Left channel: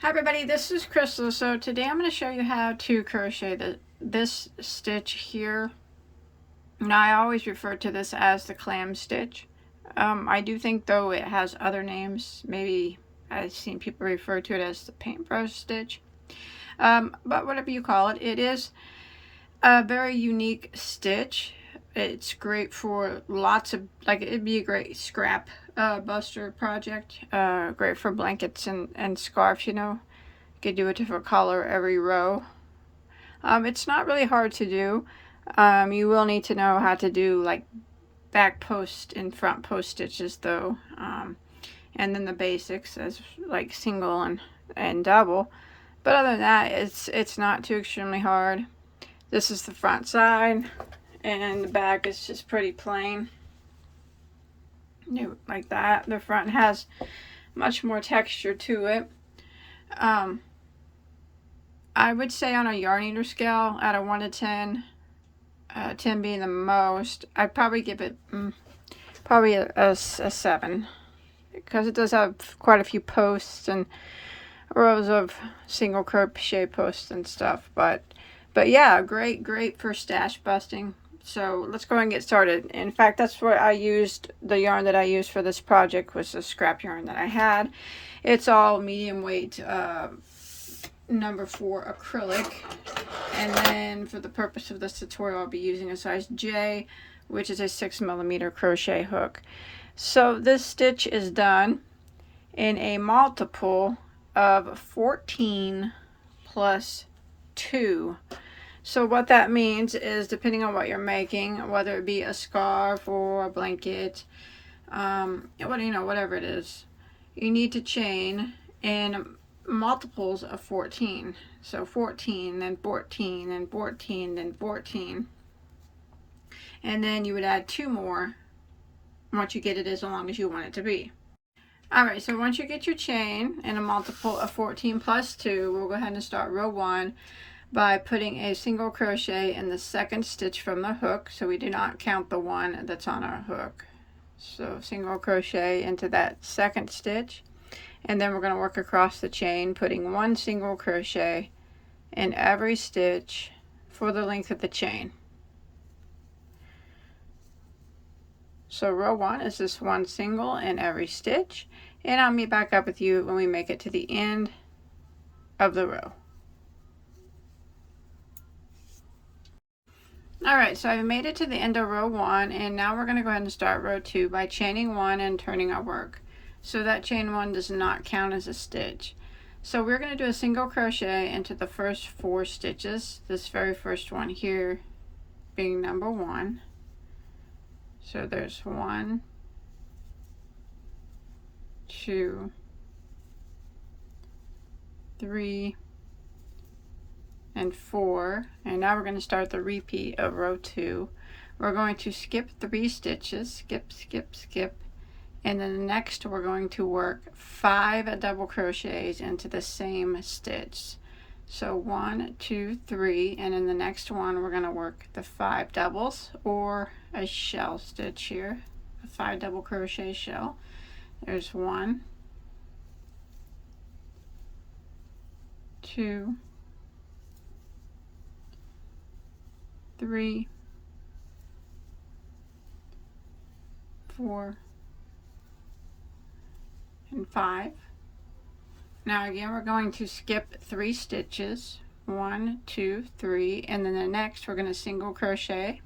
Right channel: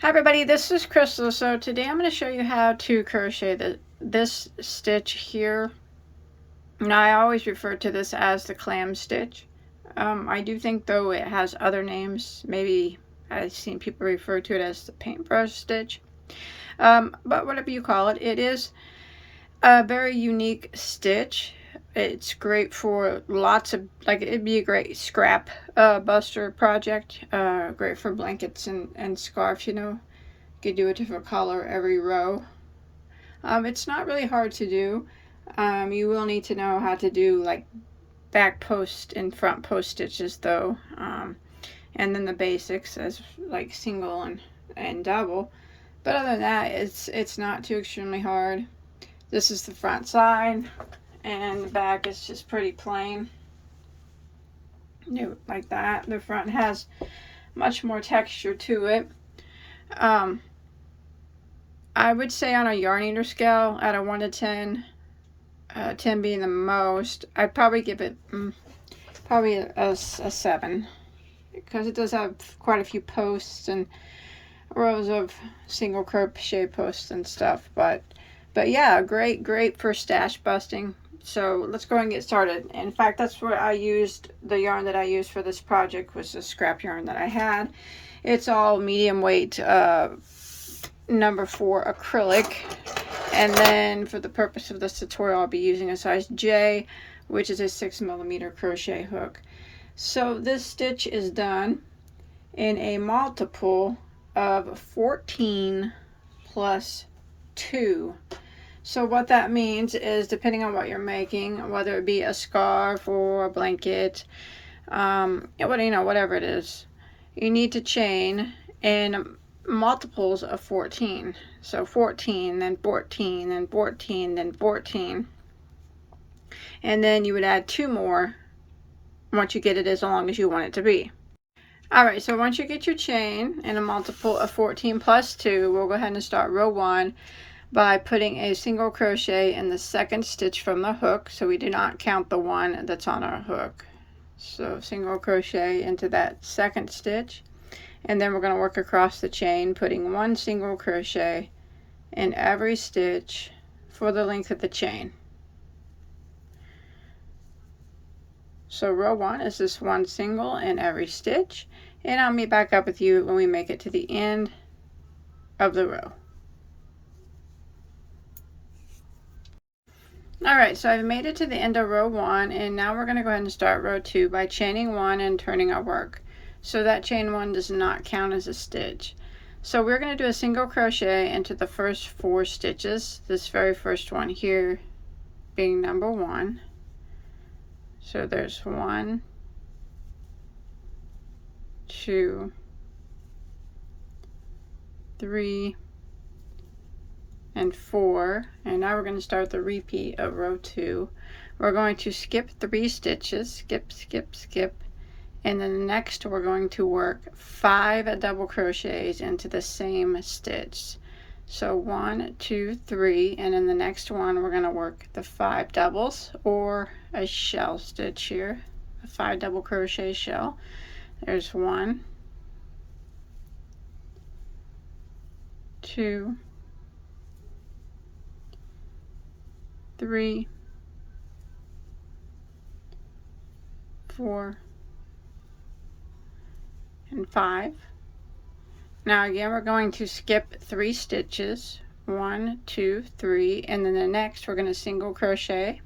Hi everybody, this is Crystal. So today I'm going to show you how to crochet this stitch here. Now I always refer to this as the clam stitch. I do think though it has other names. Maybe I've seen people refer to it as the paintbrush stitch. But whatever you call it, it is a very unique stitch. It's great for lots of, like, it'd be a great scrap buster project. Great for blankets and scarves, you know. You could do a different color every row. It's not really hard to do. You will need to know how to do like back post and front post stitches though. And then the basics as like single and double. But other than that, it's not too extremely hard. This is the front side, and the back is just pretty plain. Like that. The front has much more texture to it. I would say on a yarn eater scale, out of 1 to 10, 10 being the most, I'd probably give it probably a 7, because it does have quite a few posts and rows of single crochet posts and stuff. But yeah, great for stash busting. So let's go and get started. In fact, that's what I used. The yarn that I used for this project was the scrap yarn that I had. It's all medium weight number 4 acrylic, and then for the purpose of this tutorial I'll be using a size J, which is a 6mm crochet hook. So this stitch is done in a multiple of 14 plus 2. So what that means is, depending on what you're making, whether it be a scarf or a blanket, whatever it is, you need to chain in multiples of 14. So 14, then 14, then 14, then 14. And then you would add 2 more once you get it as long as you want it to be. Alright, so once you get your chain in a multiple of 14 plus 2, we'll go ahead and start row 1 by putting a single crochet in the second stitch from the hook. So we do not count the one that's on our hook. So single crochet into that second stitch. And then we're going to work across the chain, putting 1 single crochet in every stitch for the length of the chain. So row 1 is this 1 single in every stitch, and I'll meet back up with you when we make it to the end of the row. Alright, so I've made it to the end of row 1, and now we're going to go ahead and start row 2 by chaining 1 and turning our work. So that chain 1 does not count as a stitch. So we're going to do a single crochet into the first 4 stitches, this very first one here being number 1. So there's 1, 2, 3, and 4. And now we're going to start the repeat of row 2. We're going to skip 3 stitches, skip, and then the next we're going to work 5 double crochets into the same stitch. So 1, 2, 3, and in the next one we're going to work the 5 doubles, or a shell stitch here, a 5 double crochet shell. There's 1, 2, 3, 4, and 5. Now again, we're going to skip 3 stitches, 1, 2, 3, and then the next we're going to single crochet,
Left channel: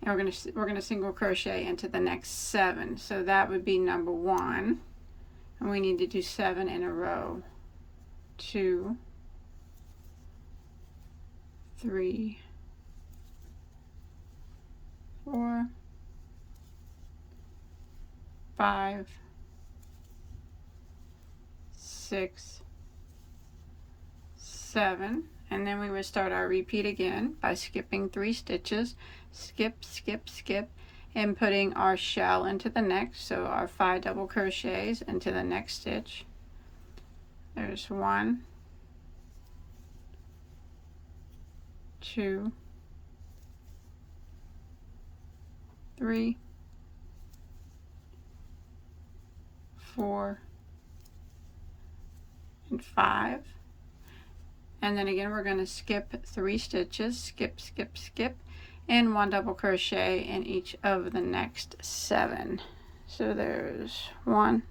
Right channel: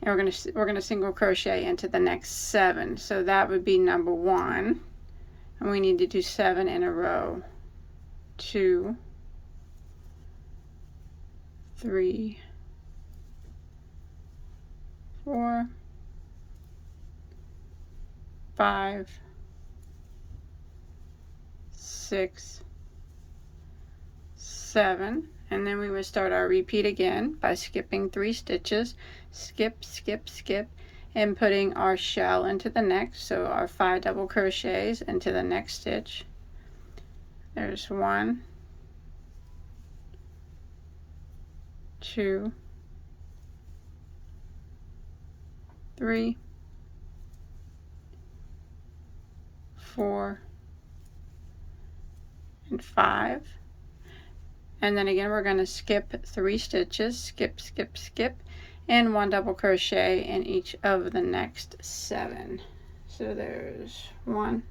and we're going to single crochet into the next 7. So that would be number 1, and we need to do 7 in a row. 2, 3, 4, 5, 6, 7, and then we would start our repeat again by skipping 3 stitches, skip, and putting our shell into the next, so our 5 double crochets into the next stitch. There's 1, 2, 3, 4, and 5. And then again we're going to skip 3 stitches, skip, skip, skip, and 1 double crochet in each of the next 7. So there's 1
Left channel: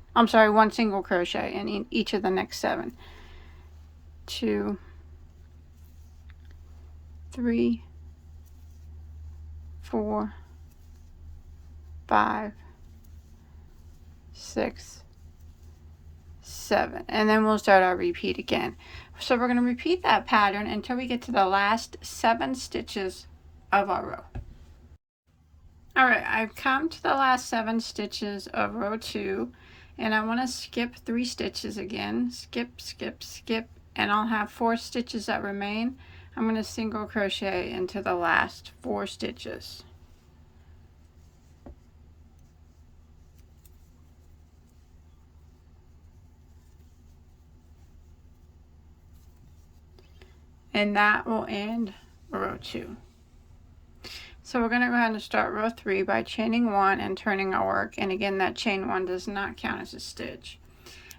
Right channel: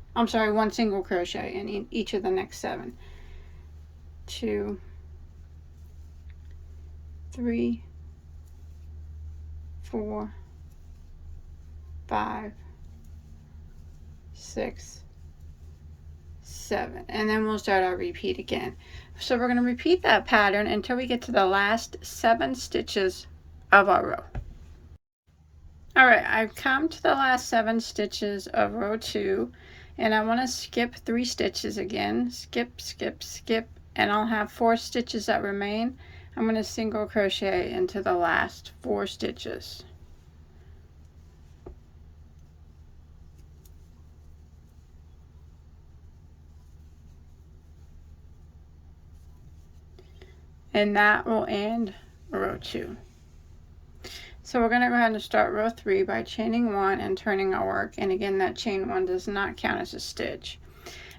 single crochet in each of the next 7. 2, 3, 4, 5, 6, 7, and then we'll start our repeat again. So we're going to repeat that pattern until we get to the last 7 stitches of our row. Alright, I've come to the last 7 stitches of row 2, and I want to skip 3 stitches again. Skip, skip, skip, and I'll have 4 stitches that remain. I'm going to single crochet into the last 4 stitches. And that will end row 2. So we're going to go ahead and start row 3 by chaining 1 and turning our work, and again that chain 1 does not count as a stitch.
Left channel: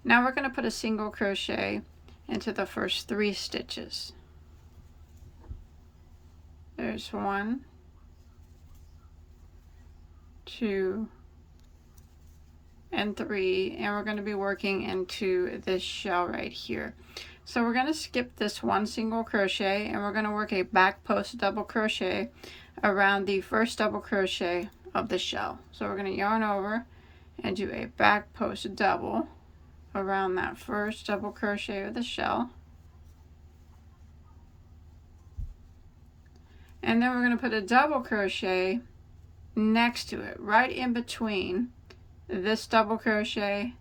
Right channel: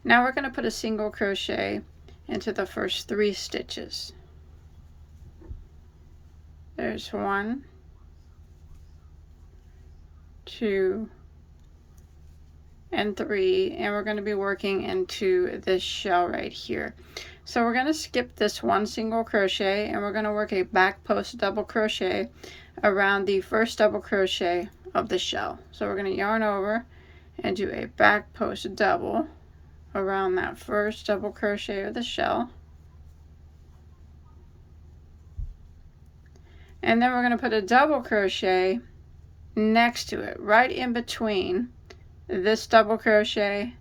Now we're going to put a single crochet into the first 3 stitches. There's 1, 2, and 3, and we're going to be working into this shell right here. So we're going to skip this 1 single crochet, and we're going to work a back post double crochet around the first double crochet of the shell. So we're going to yarn over and do a back post double around that first double crochet of the shell, and then we're going to put a double crochet next to it, right in between this double crochet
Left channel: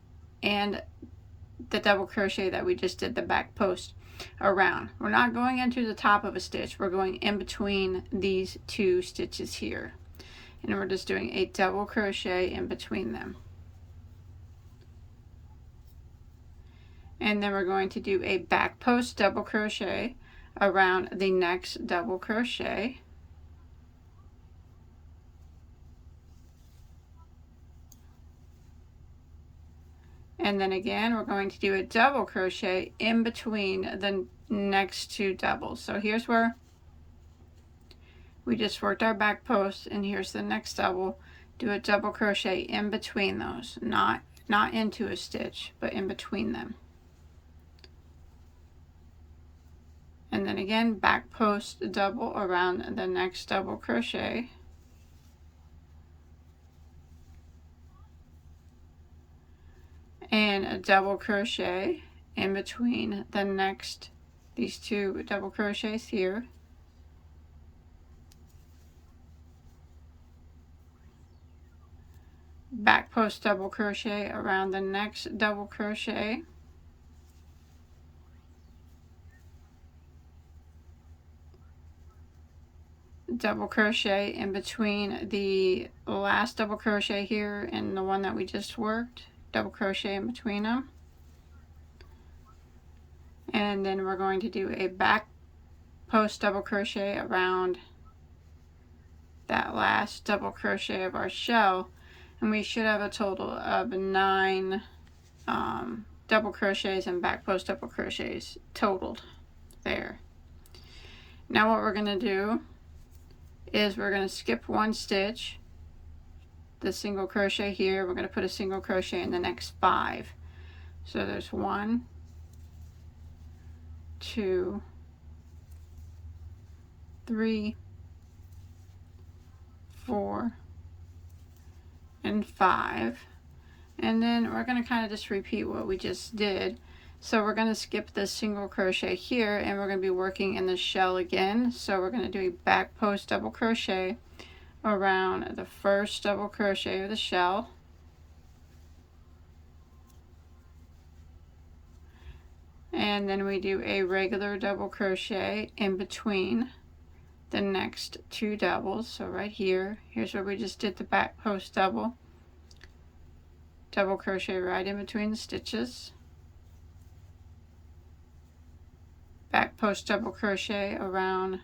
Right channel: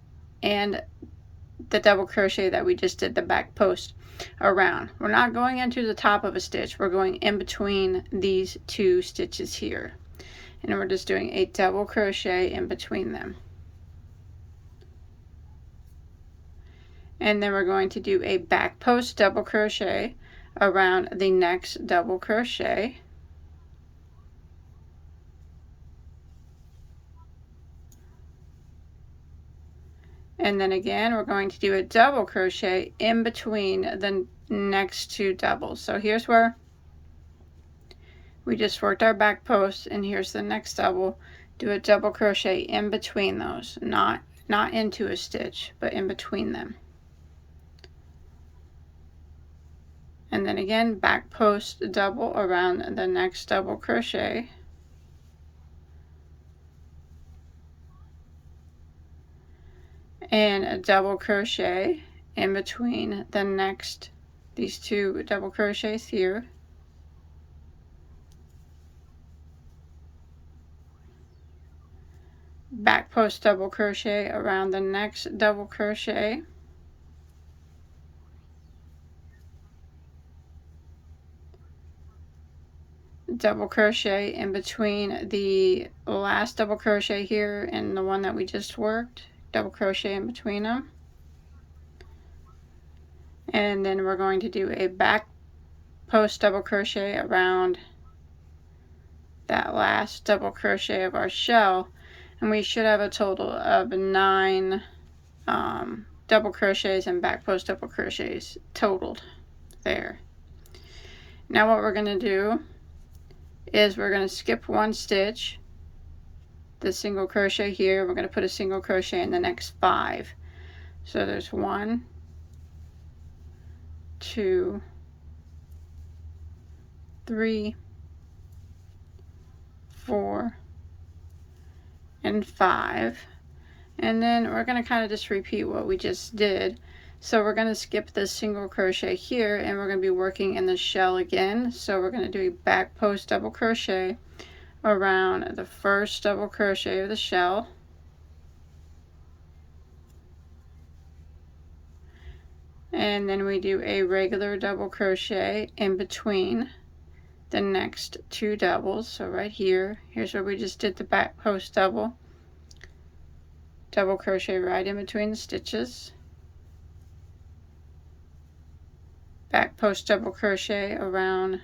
and the double crochet that we just did the back post around. We're not going into the top of a stitch, we're going in between these 2 stitches here, and we're just doing a double crochet in between them. And then we're going to do a back post double crochet around the next double crochet, and then again we're going to do a double crochet in between the next 2 doubles. So here's where we just worked our back post, and here's the next double. Do a double crochet in between those, not into a stitch, but in between them. And then again back post double around the next double crochet, and a double crochet in between these 2 double crochets here, back post double crochet around the next double crochet, double crochet in between the last double crochet here and the one that we just worked, double crochet in between them, and then we're going to do a back post double crochet around that last double crochet of our shell, and we should have a total of 9 double crochets and back post double crochets totaled there. Now what we're going to do is we're going to skip 1 stitch, the single crochet here, we're going to put a single crochet in the next 5. So there's 1, 2, 3, 4, and 5, and then we're going to kind of just repeat what we just did. So we're going to skip this single crochet here, and we're going to be working in the shell again. So we're going to do a back post double crochet around the first double crochet of the shell, and then we do a regular double crochet in between the next 2 doubles. So right here's where we just did the back post double crochet right in between the stitches, back post double crochet around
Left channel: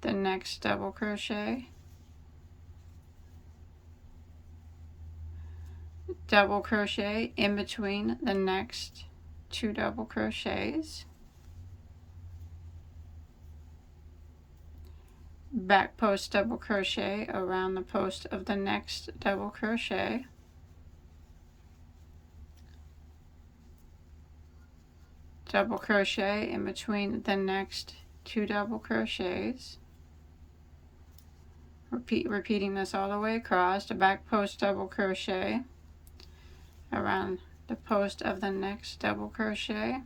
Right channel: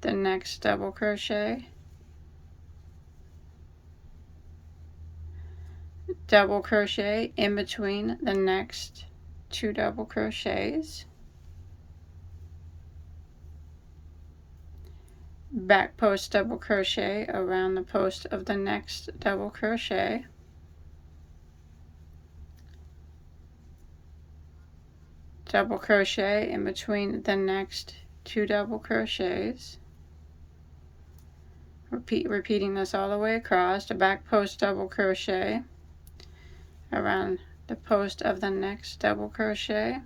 the next double crochet, double crochet in between the next 2 double crochets, back post double crochet around the post of the next double crochet, double crochet in between the next 2 double crochets, repeating this all the way across, a back post double crochet around the post of the next double crochet,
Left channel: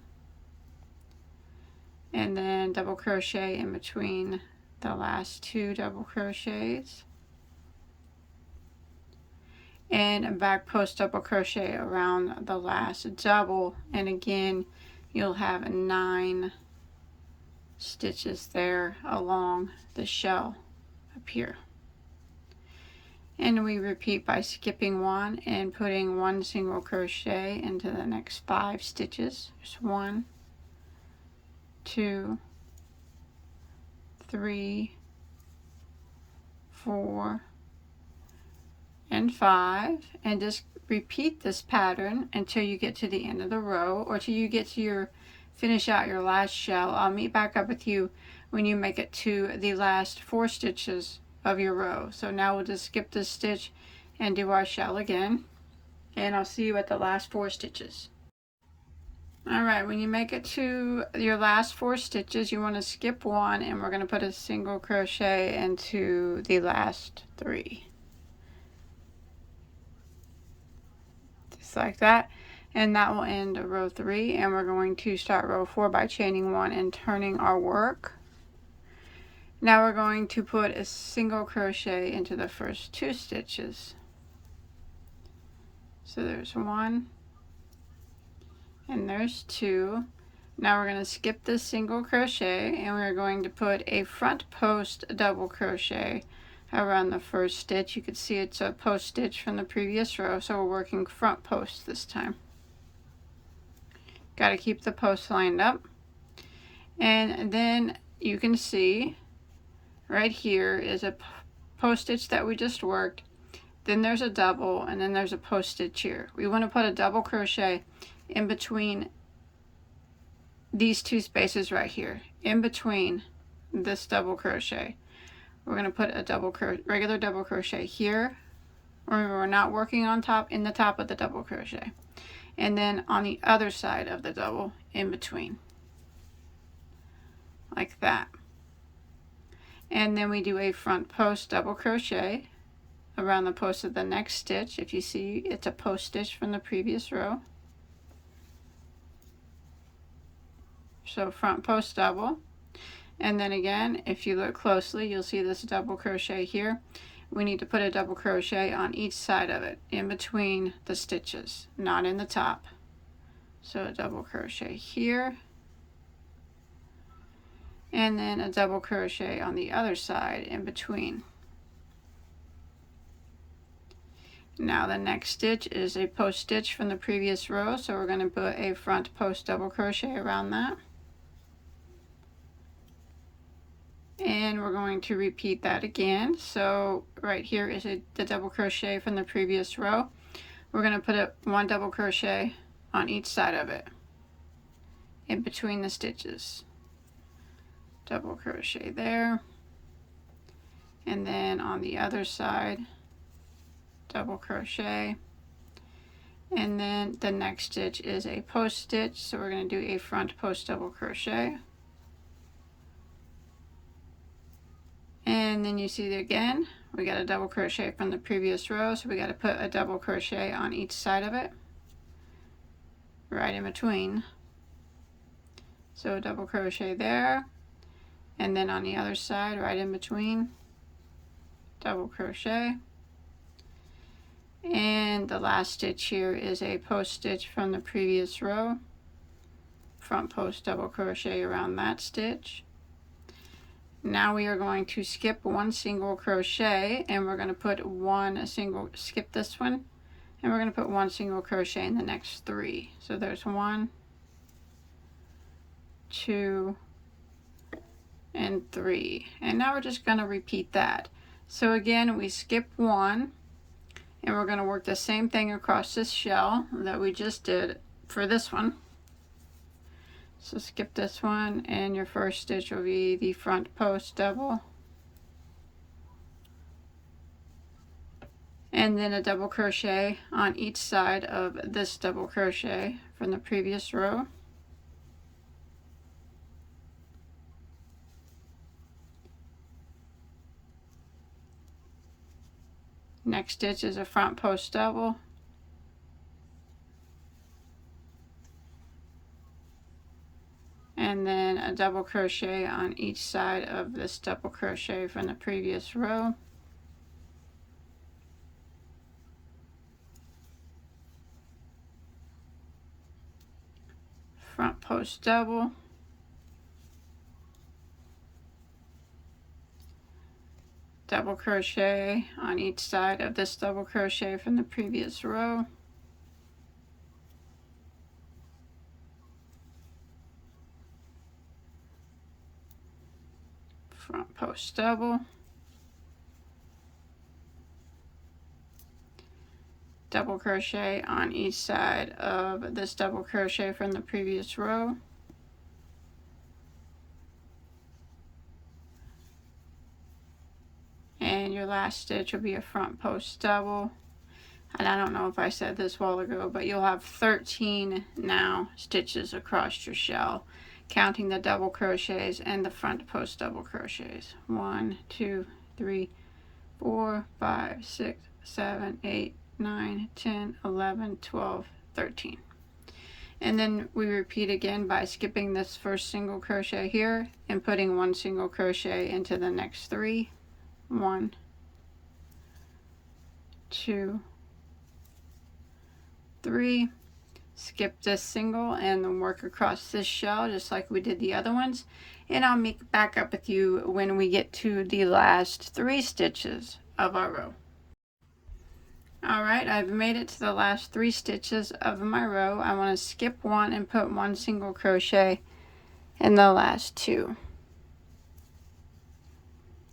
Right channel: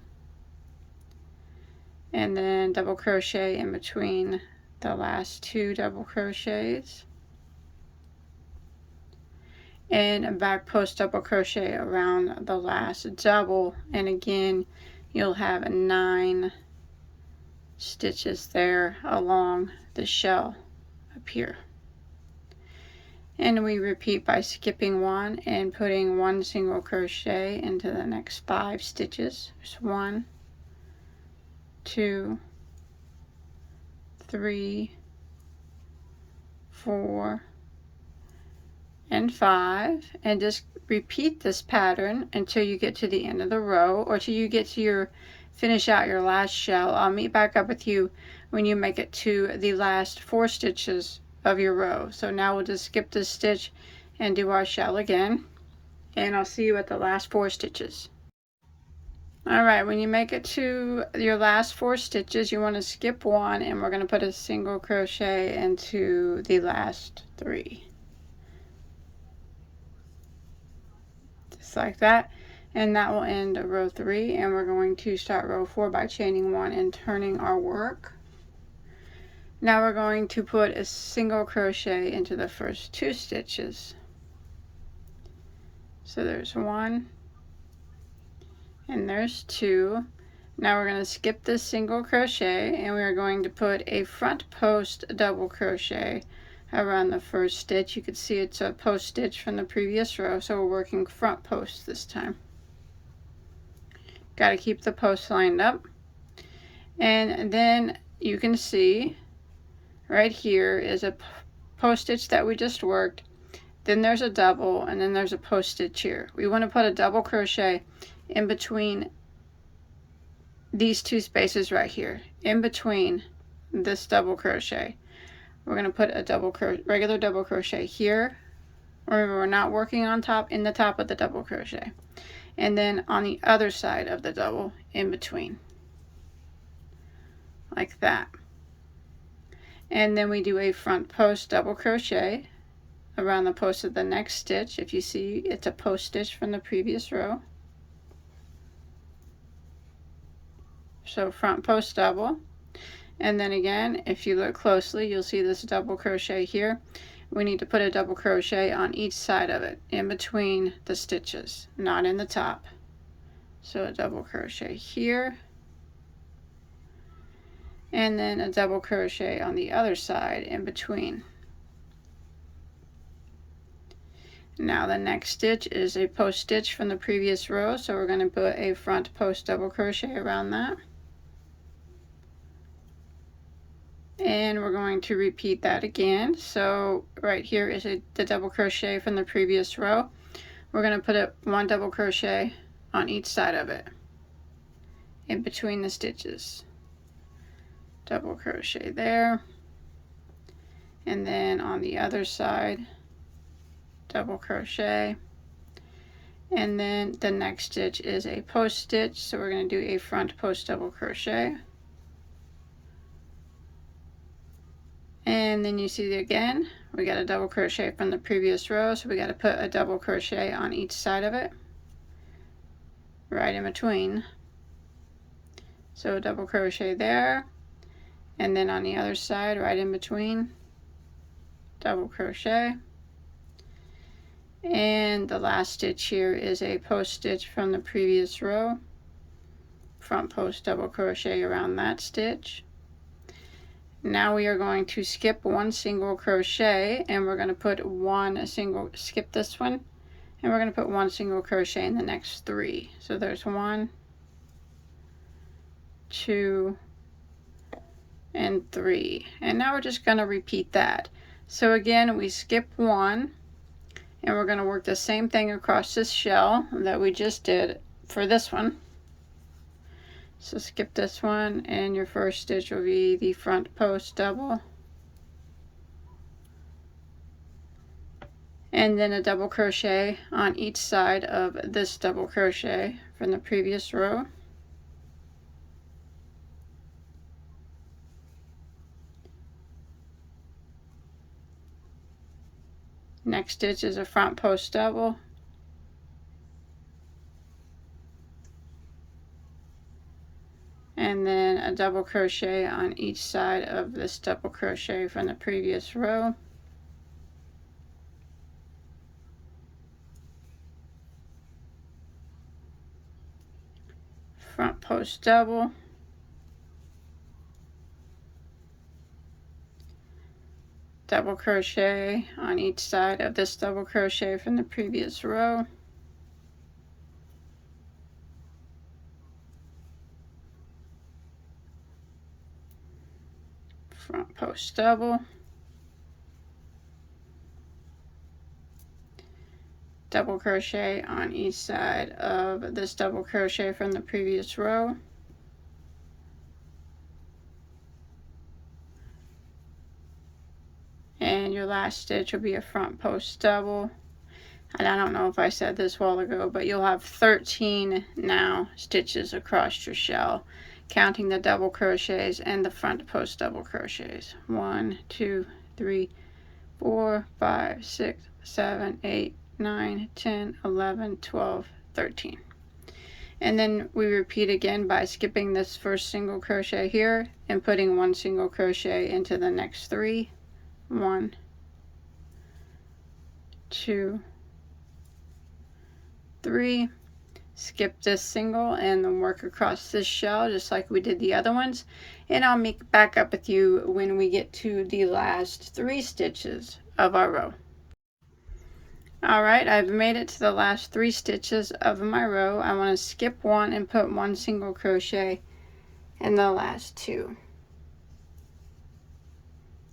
and then double crochet in between the last 2 double crochets, and a back post double crochet around the last double, and again you'll have 9 stitches there along the shell up here. And we repeat by skipping 1 and putting 1 single crochet into the next 5 stitches. There's 1, 2, 3, 4, and 5, and just repeat this pattern until you get to the end of the row, or till you get to finish out your last shell. I'll meet back up with you when you make it to the last 4 stitches of your row. So now we'll just skip this stitch and do our shell again, and I'll see you at the last 4 stitches. Alright, when you make it to your last 4 stitches, you want to skip 1, and we're going to put a single crochet into the last 3. Just like that. And that will end row 3, and we're going to start row 4 by chaining 1 and turning our work. Now we're going to put a single crochet into the first 2 stitches. So there's 1 and there's 2. Now we're going to skip this single crochet, and we're going to put a front post double crochet around the first stitch. You can see it's a post stitch from the previous row, so we're working front post this time. Got to keep the post lined up. And then you can see right here is a post stitch that we just worked, then there's a double, and then there's a post stitch here. We want to put a double crochet in between these 2 spaces right here, in between this double crochet. We're going to put a regular double crochet here. Remember, we're not working on top, in the top of the double crochet, and then on the other side of the double in between, like that. And then we do a front post double crochet around the post of the next stitch. If you see, it's a post stitch from the previous row. So front post double, and then again, if you look closely, you'll see this double crochet here. We need to put a double crochet on each side of it, in between the stitches, not in the top. So a double crochet here, and then a double crochet on the other side in between. Now the next stitch is a post stitch from the previous row, so we're going to put a front post double crochet around that. And we're going to repeat that again. So right here is the double crochet from the previous row. We're going to put 1 double crochet on each side of it, in between the stitches. Double crochet there, and then on the other side, double crochet, and then the next stitch is a post stitch, so we're going to do a front post double crochet, and then you see again we got a double crochet from the previous row, so we got to put a double crochet on each side of it, right in between. So a double crochet there, and then on the other side, right in between, double crochet. And the last stitch here is a post stitch from the previous row, front post double crochet around that stitch. Now we are going to skip 1 single crochet, and we're going to put skip this one, and we're going to put 1 single crochet in the next 3. So there's 1, 2, and 3, and now we're just going to repeat that. So again, we skip 1, and we're going to work the same thing across this shell that we just did for this one. So skip this one, and your first stitch will be the front post double, and then a double crochet on each side of this double crochet from the previous row. Next stitch is a front post double, and then a double crochet on each side of this double crochet from the previous row. Front post double, double crochet on each side of this double crochet from the previous row, front post double, double crochet on each side of this double crochet from the previous row, and your last stitch will be a front post double. And I don't know if I said this a while ago, but you'll have 13 now stitches across your shell, counting the double crochets and the front post double crochets. 1, 2, 3, 4, 5, 6, 7, 8, 9, 10, 11, 12, 13. And then we repeat again by skipping this first single crochet here and putting one single crochet into the next 3. 1, 2, 3. Skip this single and then work across this shell just like we did the other ones, and I'll make back up with you when we get to the last 3 stitches of our row. Alright, I've made it to the last 3 stitches of my row. I want to skip one and put one single crochet in the last 2,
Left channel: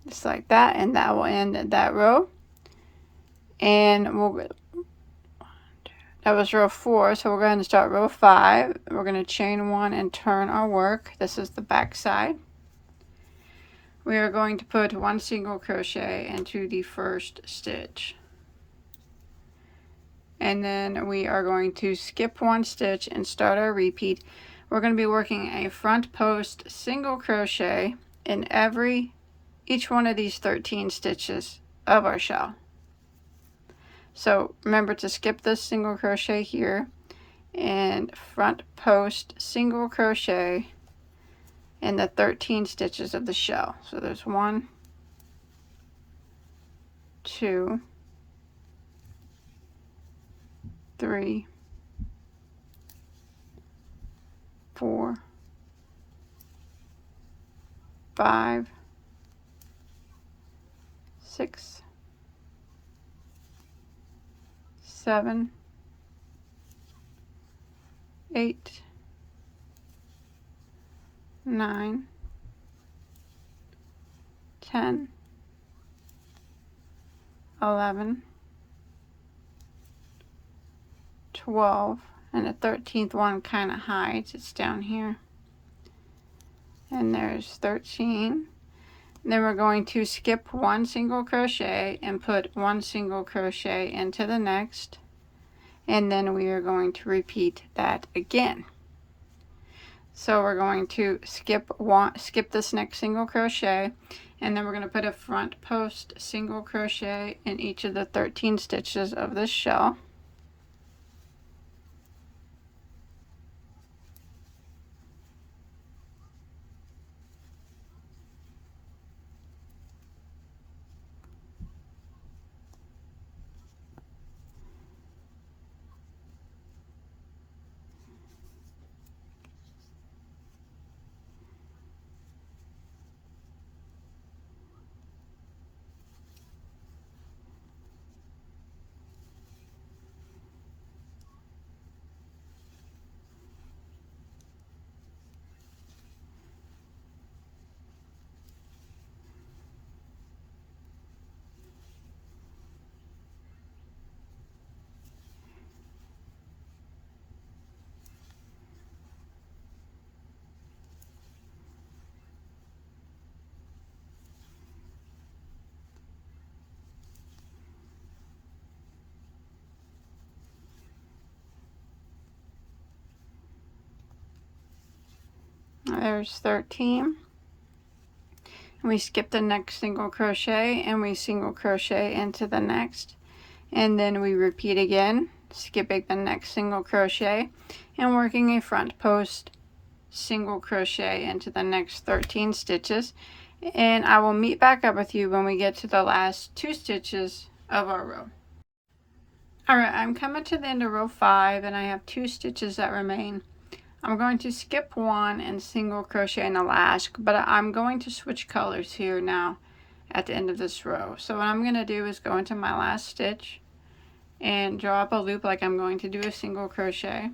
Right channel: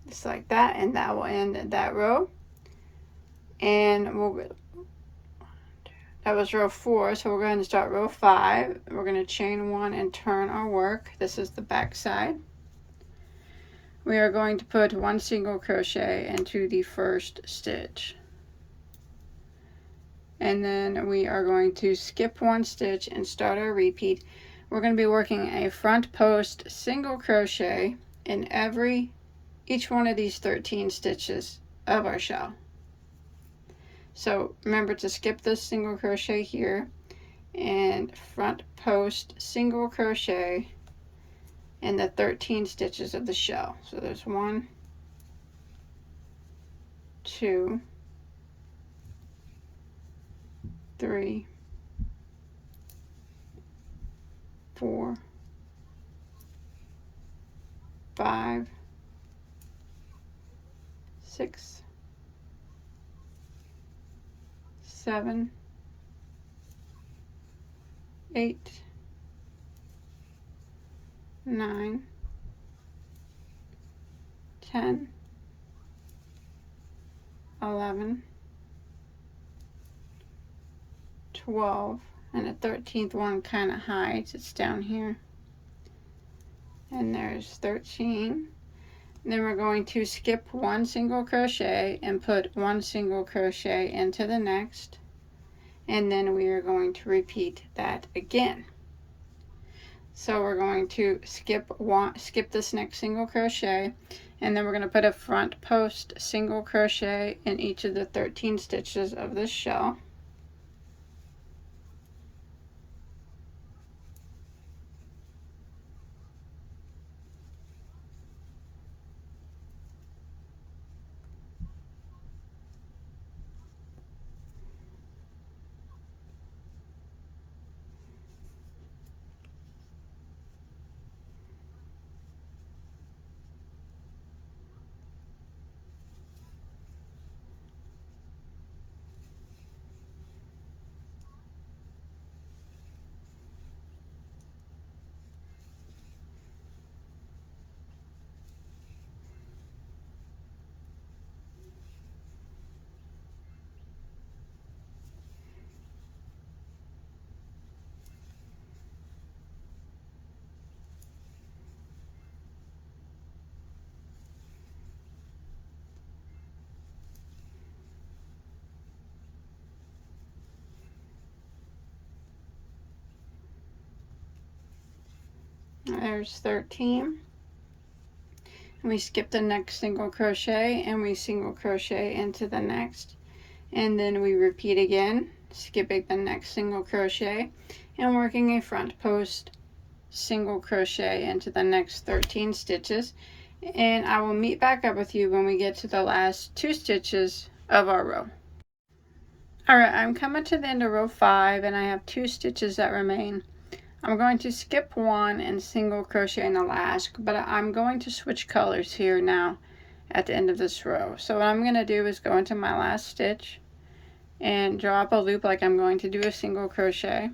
just like that, and that will end that row. And that was row 4, so we're going to start row 5. We're going to chain 1 and turn our work. This is the back side. We are going to put one single crochet into the first stitch, and then we are going to skip one stitch and start our repeat. We're going to be working a front post single crochet in each one of these 13 stitches of our shell. So remember to skip this single crochet here and front post single crochet in the 13 stitches of the shell. So there's 1, 2, 3, 4, 5, 6, 7, 8, 9, 10, 11, 12, and the 13th one kind of hides. It's down here. And there's 13. Then we're going to skip one single crochet and put one single crochet into the next, and then we are going to repeat that again. So we're going to skip this next single crochet, and then we're going to put a front post single crochet in each of the 13 stitches of this shell. There's 13. We skip the next single crochet and we single crochet into the next, and then we repeat again, skipping the next single crochet and working a front post single crochet into the next 13 stitches. And I will meet back up with you when we get to the last 2 stitches of our row. Alright, I'm coming to the end of row 5 and I have 2 stitches that remain. I'm going to skip one and single crochet in the last, but I'm going to switch colors here now at the end of this row. So what I'm going to do is go into my last stitch and draw up a loop like I'm going to do a single crochet.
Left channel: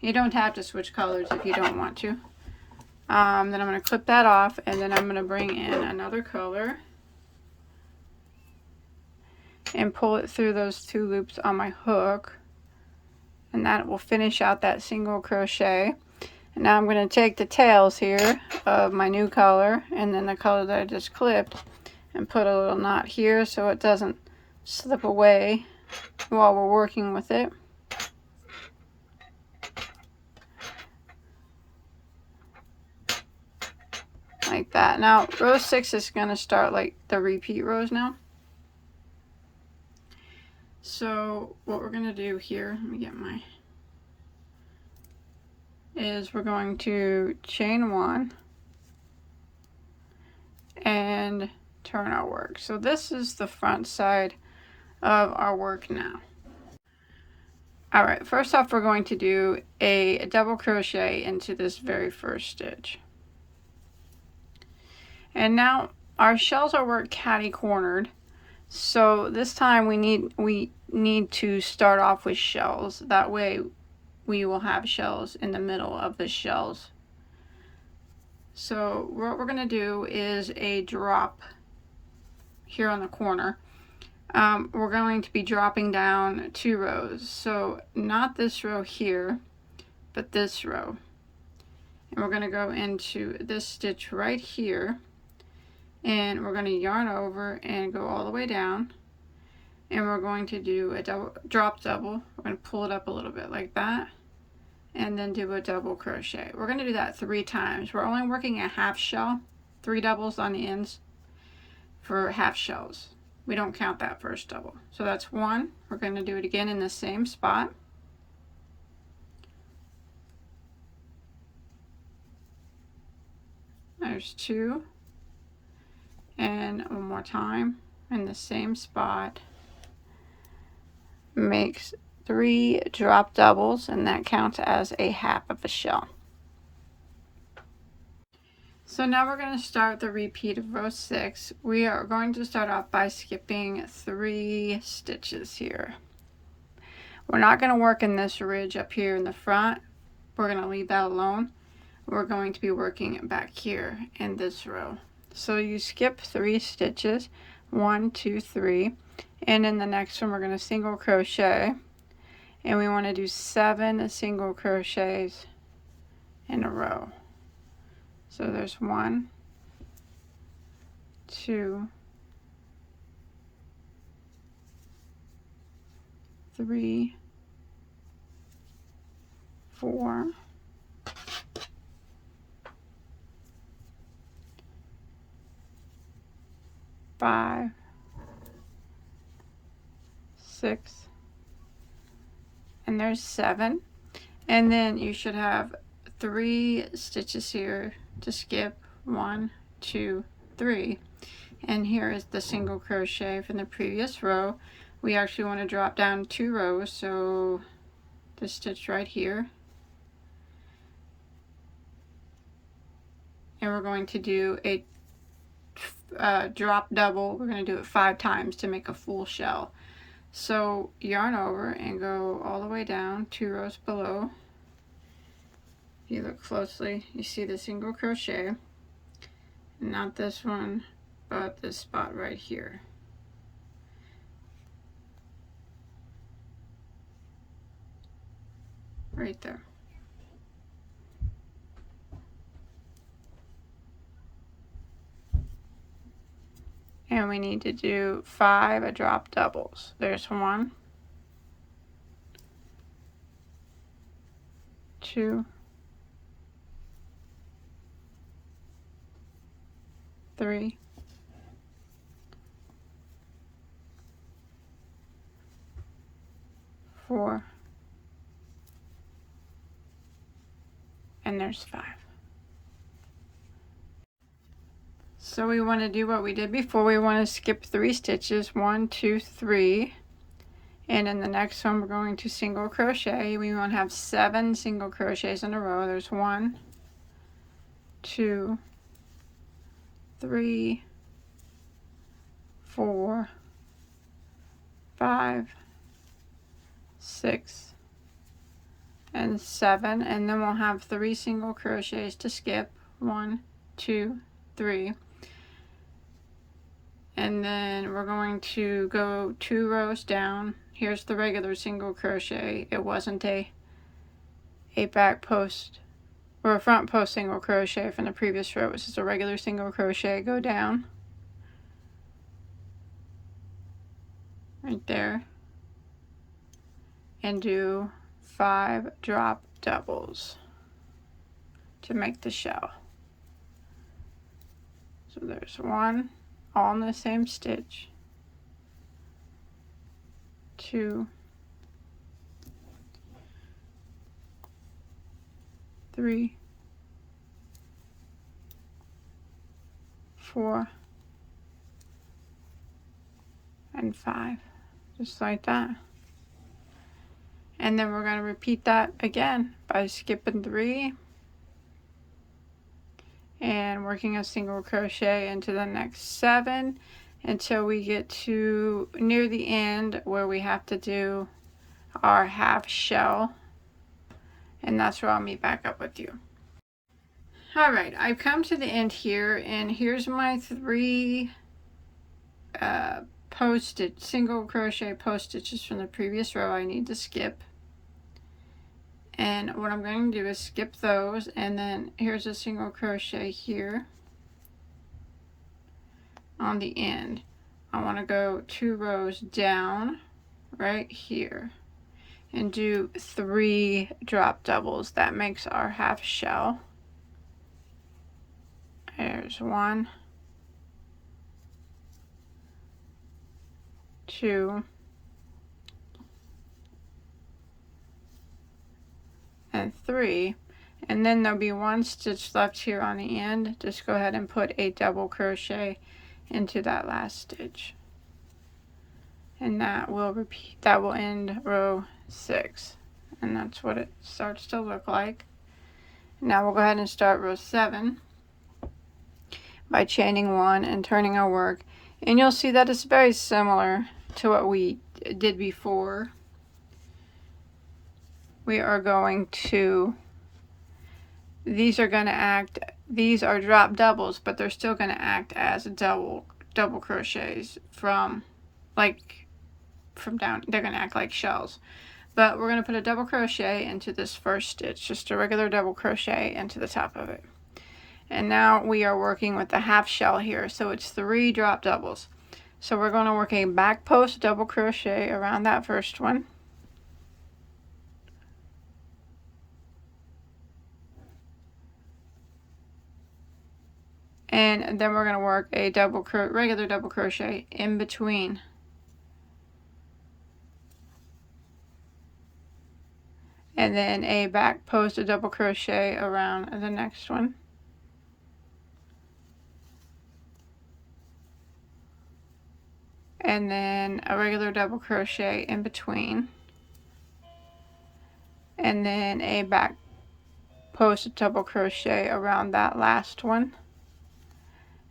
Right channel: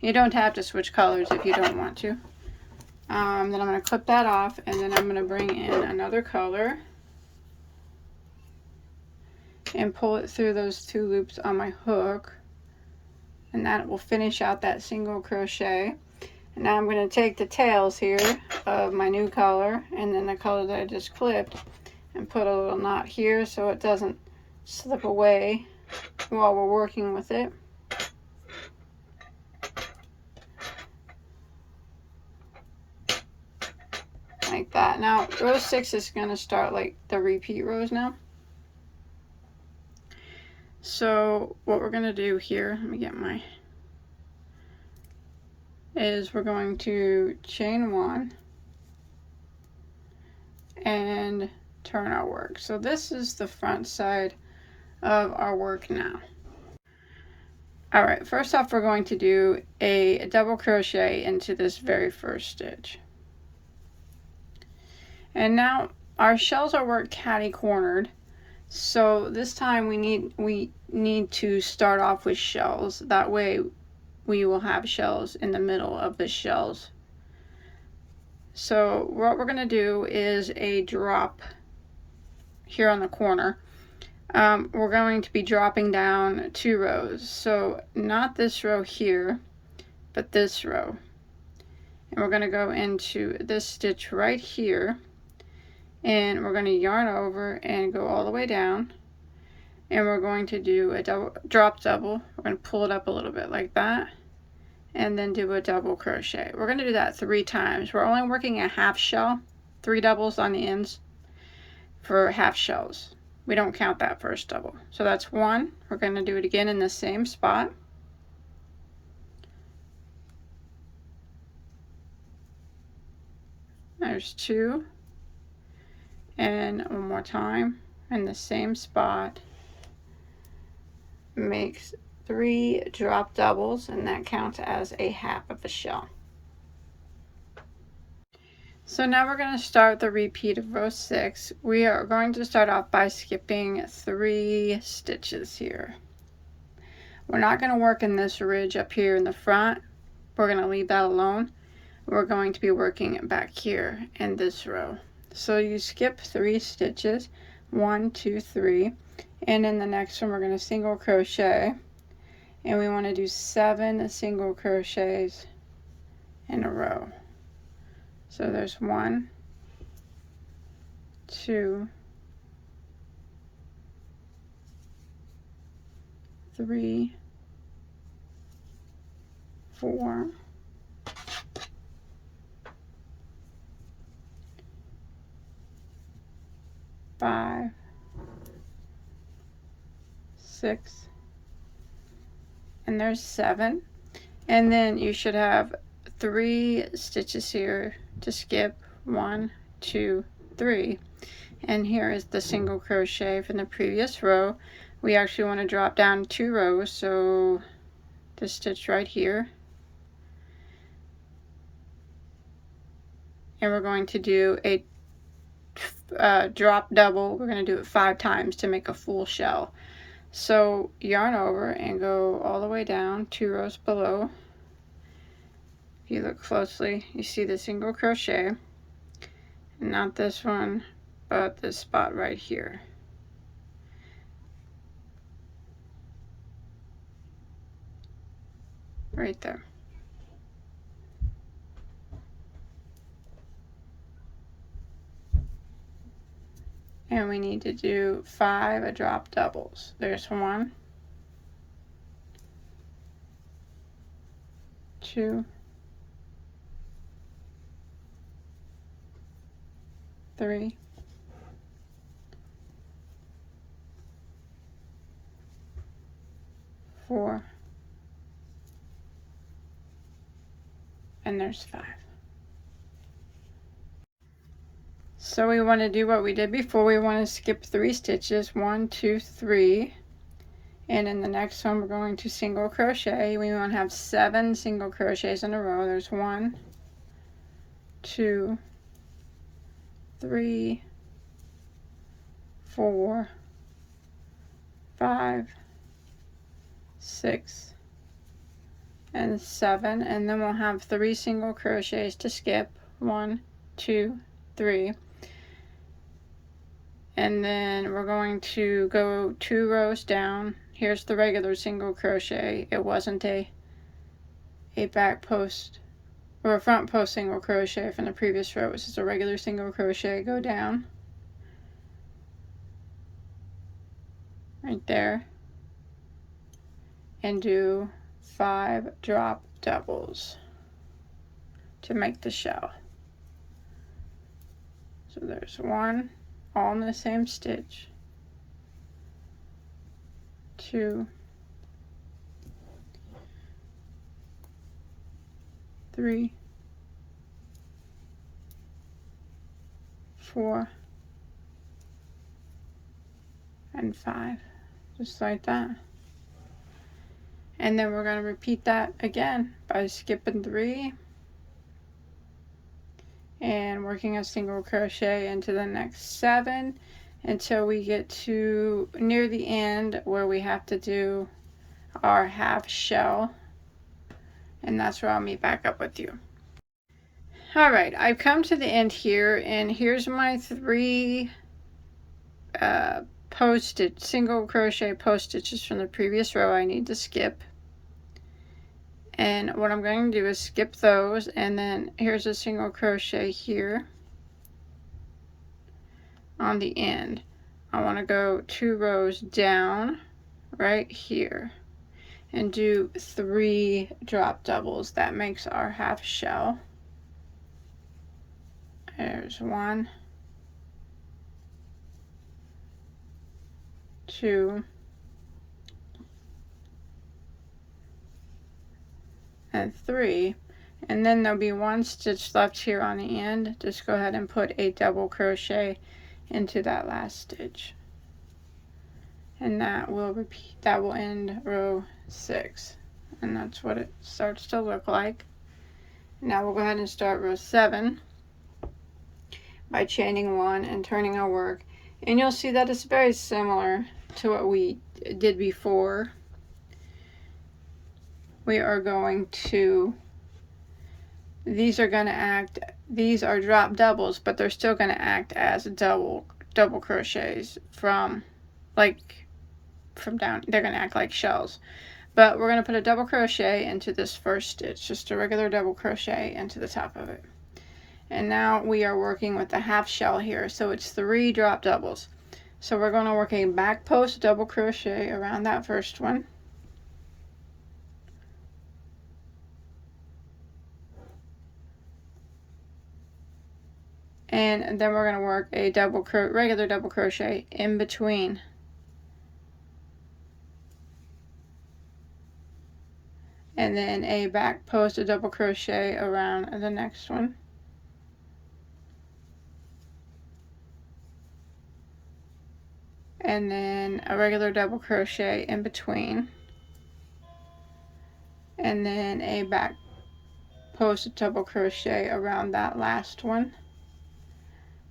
You don't have to switch colors if you don't want to. Then I'm going to clip that off, and then I'm going to bring in another color and pull it through those 2 loops on my hook, and that will finish out that single crochet. And now I'm going to take the tails here of my new color and then the color that I just clipped and put a little knot here so it doesn't slip away while we're working with it. Like that. Now row 6 is going to start like the repeat rows now. So what we're going to do here, let me get my, is we're going to chain 1 and turn our work. So this is the front side of our work now. Alright, first off we're going to do a double crochet into this very first stitch. And now our shells are worked catty-cornered, so this time we need to start off with shells. That way we will have shells in the middle of the shells. So what we're going to do is a drop here on the corner. We're going to be dropping down 2 rows, so not this row here, but this row. And we're going to go into this stitch right here, and we're going to yarn over and go all the way down, and we're going to do a drop double. We're going to pull it up a little bit like that, and then do a double crochet. We're going to do that 3 times. We're only working a half shell, 3 doubles on the ends for half shells. We don't count that first double. So that's 1. We're going to do it again in the same spot. There's 2. And one more time in the same spot. Makes 3 drop doubles, and that counts as a half of a shell. So now we're going to start the repeat of row 6. We are going to start off by skipping 3 stitches here. We're not going to work in this ridge up here in the front. We're going to leave that alone. We're going to be working back here in this row. So you skip 3 stitches, 1, 2, 3, and in the next one we're going to single crochet, and we want to do 7 single crochets in a row. So there's 1, 2, 3, 4, 5, 6, and there's 7. And then you should have 3 stitches here to skip, 1, 2, 3. And here is the single crochet from the previous row. We actually want to drop down 2 rows, so this stitch right here, and we're going to do a drop double. We're going to do it 5 times to make a full shell. So yarn over and go all the way down 2 rows below. If you look closely, you see the single crochet, not this one, but this spot right here. Right there. And we need to do 5 drop doubles. There's 1, 2, 3, 4, and there's 5. So we want to do what we did before. We want to skip 3 stitches, 1, 2, 3, and in the next one we're going to single crochet. We want to have 7 single crochets in a row. There's 1, 2, 3, 4, 5, 6, and 7, and then we'll have 3 single crochets to skip. 1, 2, 3, and then we're going to go 2 rows down. Here's the regular single crochet. It wasn't a back post or a front post single crochet from the previous row. It was just a regular single crochet. Go down right there and do 5 drop doubles to make the shell. So there's 1, all in the same stitch, 2, 3, 4, and 5, just like that. And then we're going to repeat that again by skipping 3 and working a single crochet into the next 7 until we get to near the end where we have to do our half shell, and that's where I'll meet back up with you. Alright, I've come to the end here, and here's my 3 single crochet post stitches from the previous row I need to skip. And what I'm going to do is skip those, and then here's a single crochet here on the end. I want to go 2 rows down right here and do 3 drop doubles. That makes our half shell. There's 1, 2, and 3, and then there'll be 1 stitch left here on the end. Just go ahead and put a double crochet into that last stitch, and that will repeat. That will end row 6, and that's what it starts to look like. Now we'll go ahead and start row 7 by chaining 1 and turning our work, and you'll see that it's very similar to what we did before. We are going to, these are drop doubles, but they're still going to act as double crochets from down. They're going to act like shells, but we're going to put a double crochet into this first stitch, just a regular double crochet into the top of it. And now we are working with the half shell here, so it's 3 drop doubles. So we're going to work a back post double crochet around that first one, and then we're going to work a regular double crochet in between, and then a back post a double crochet around the next one, and then a regular double crochet in between, and then a back post double crochet around that last one,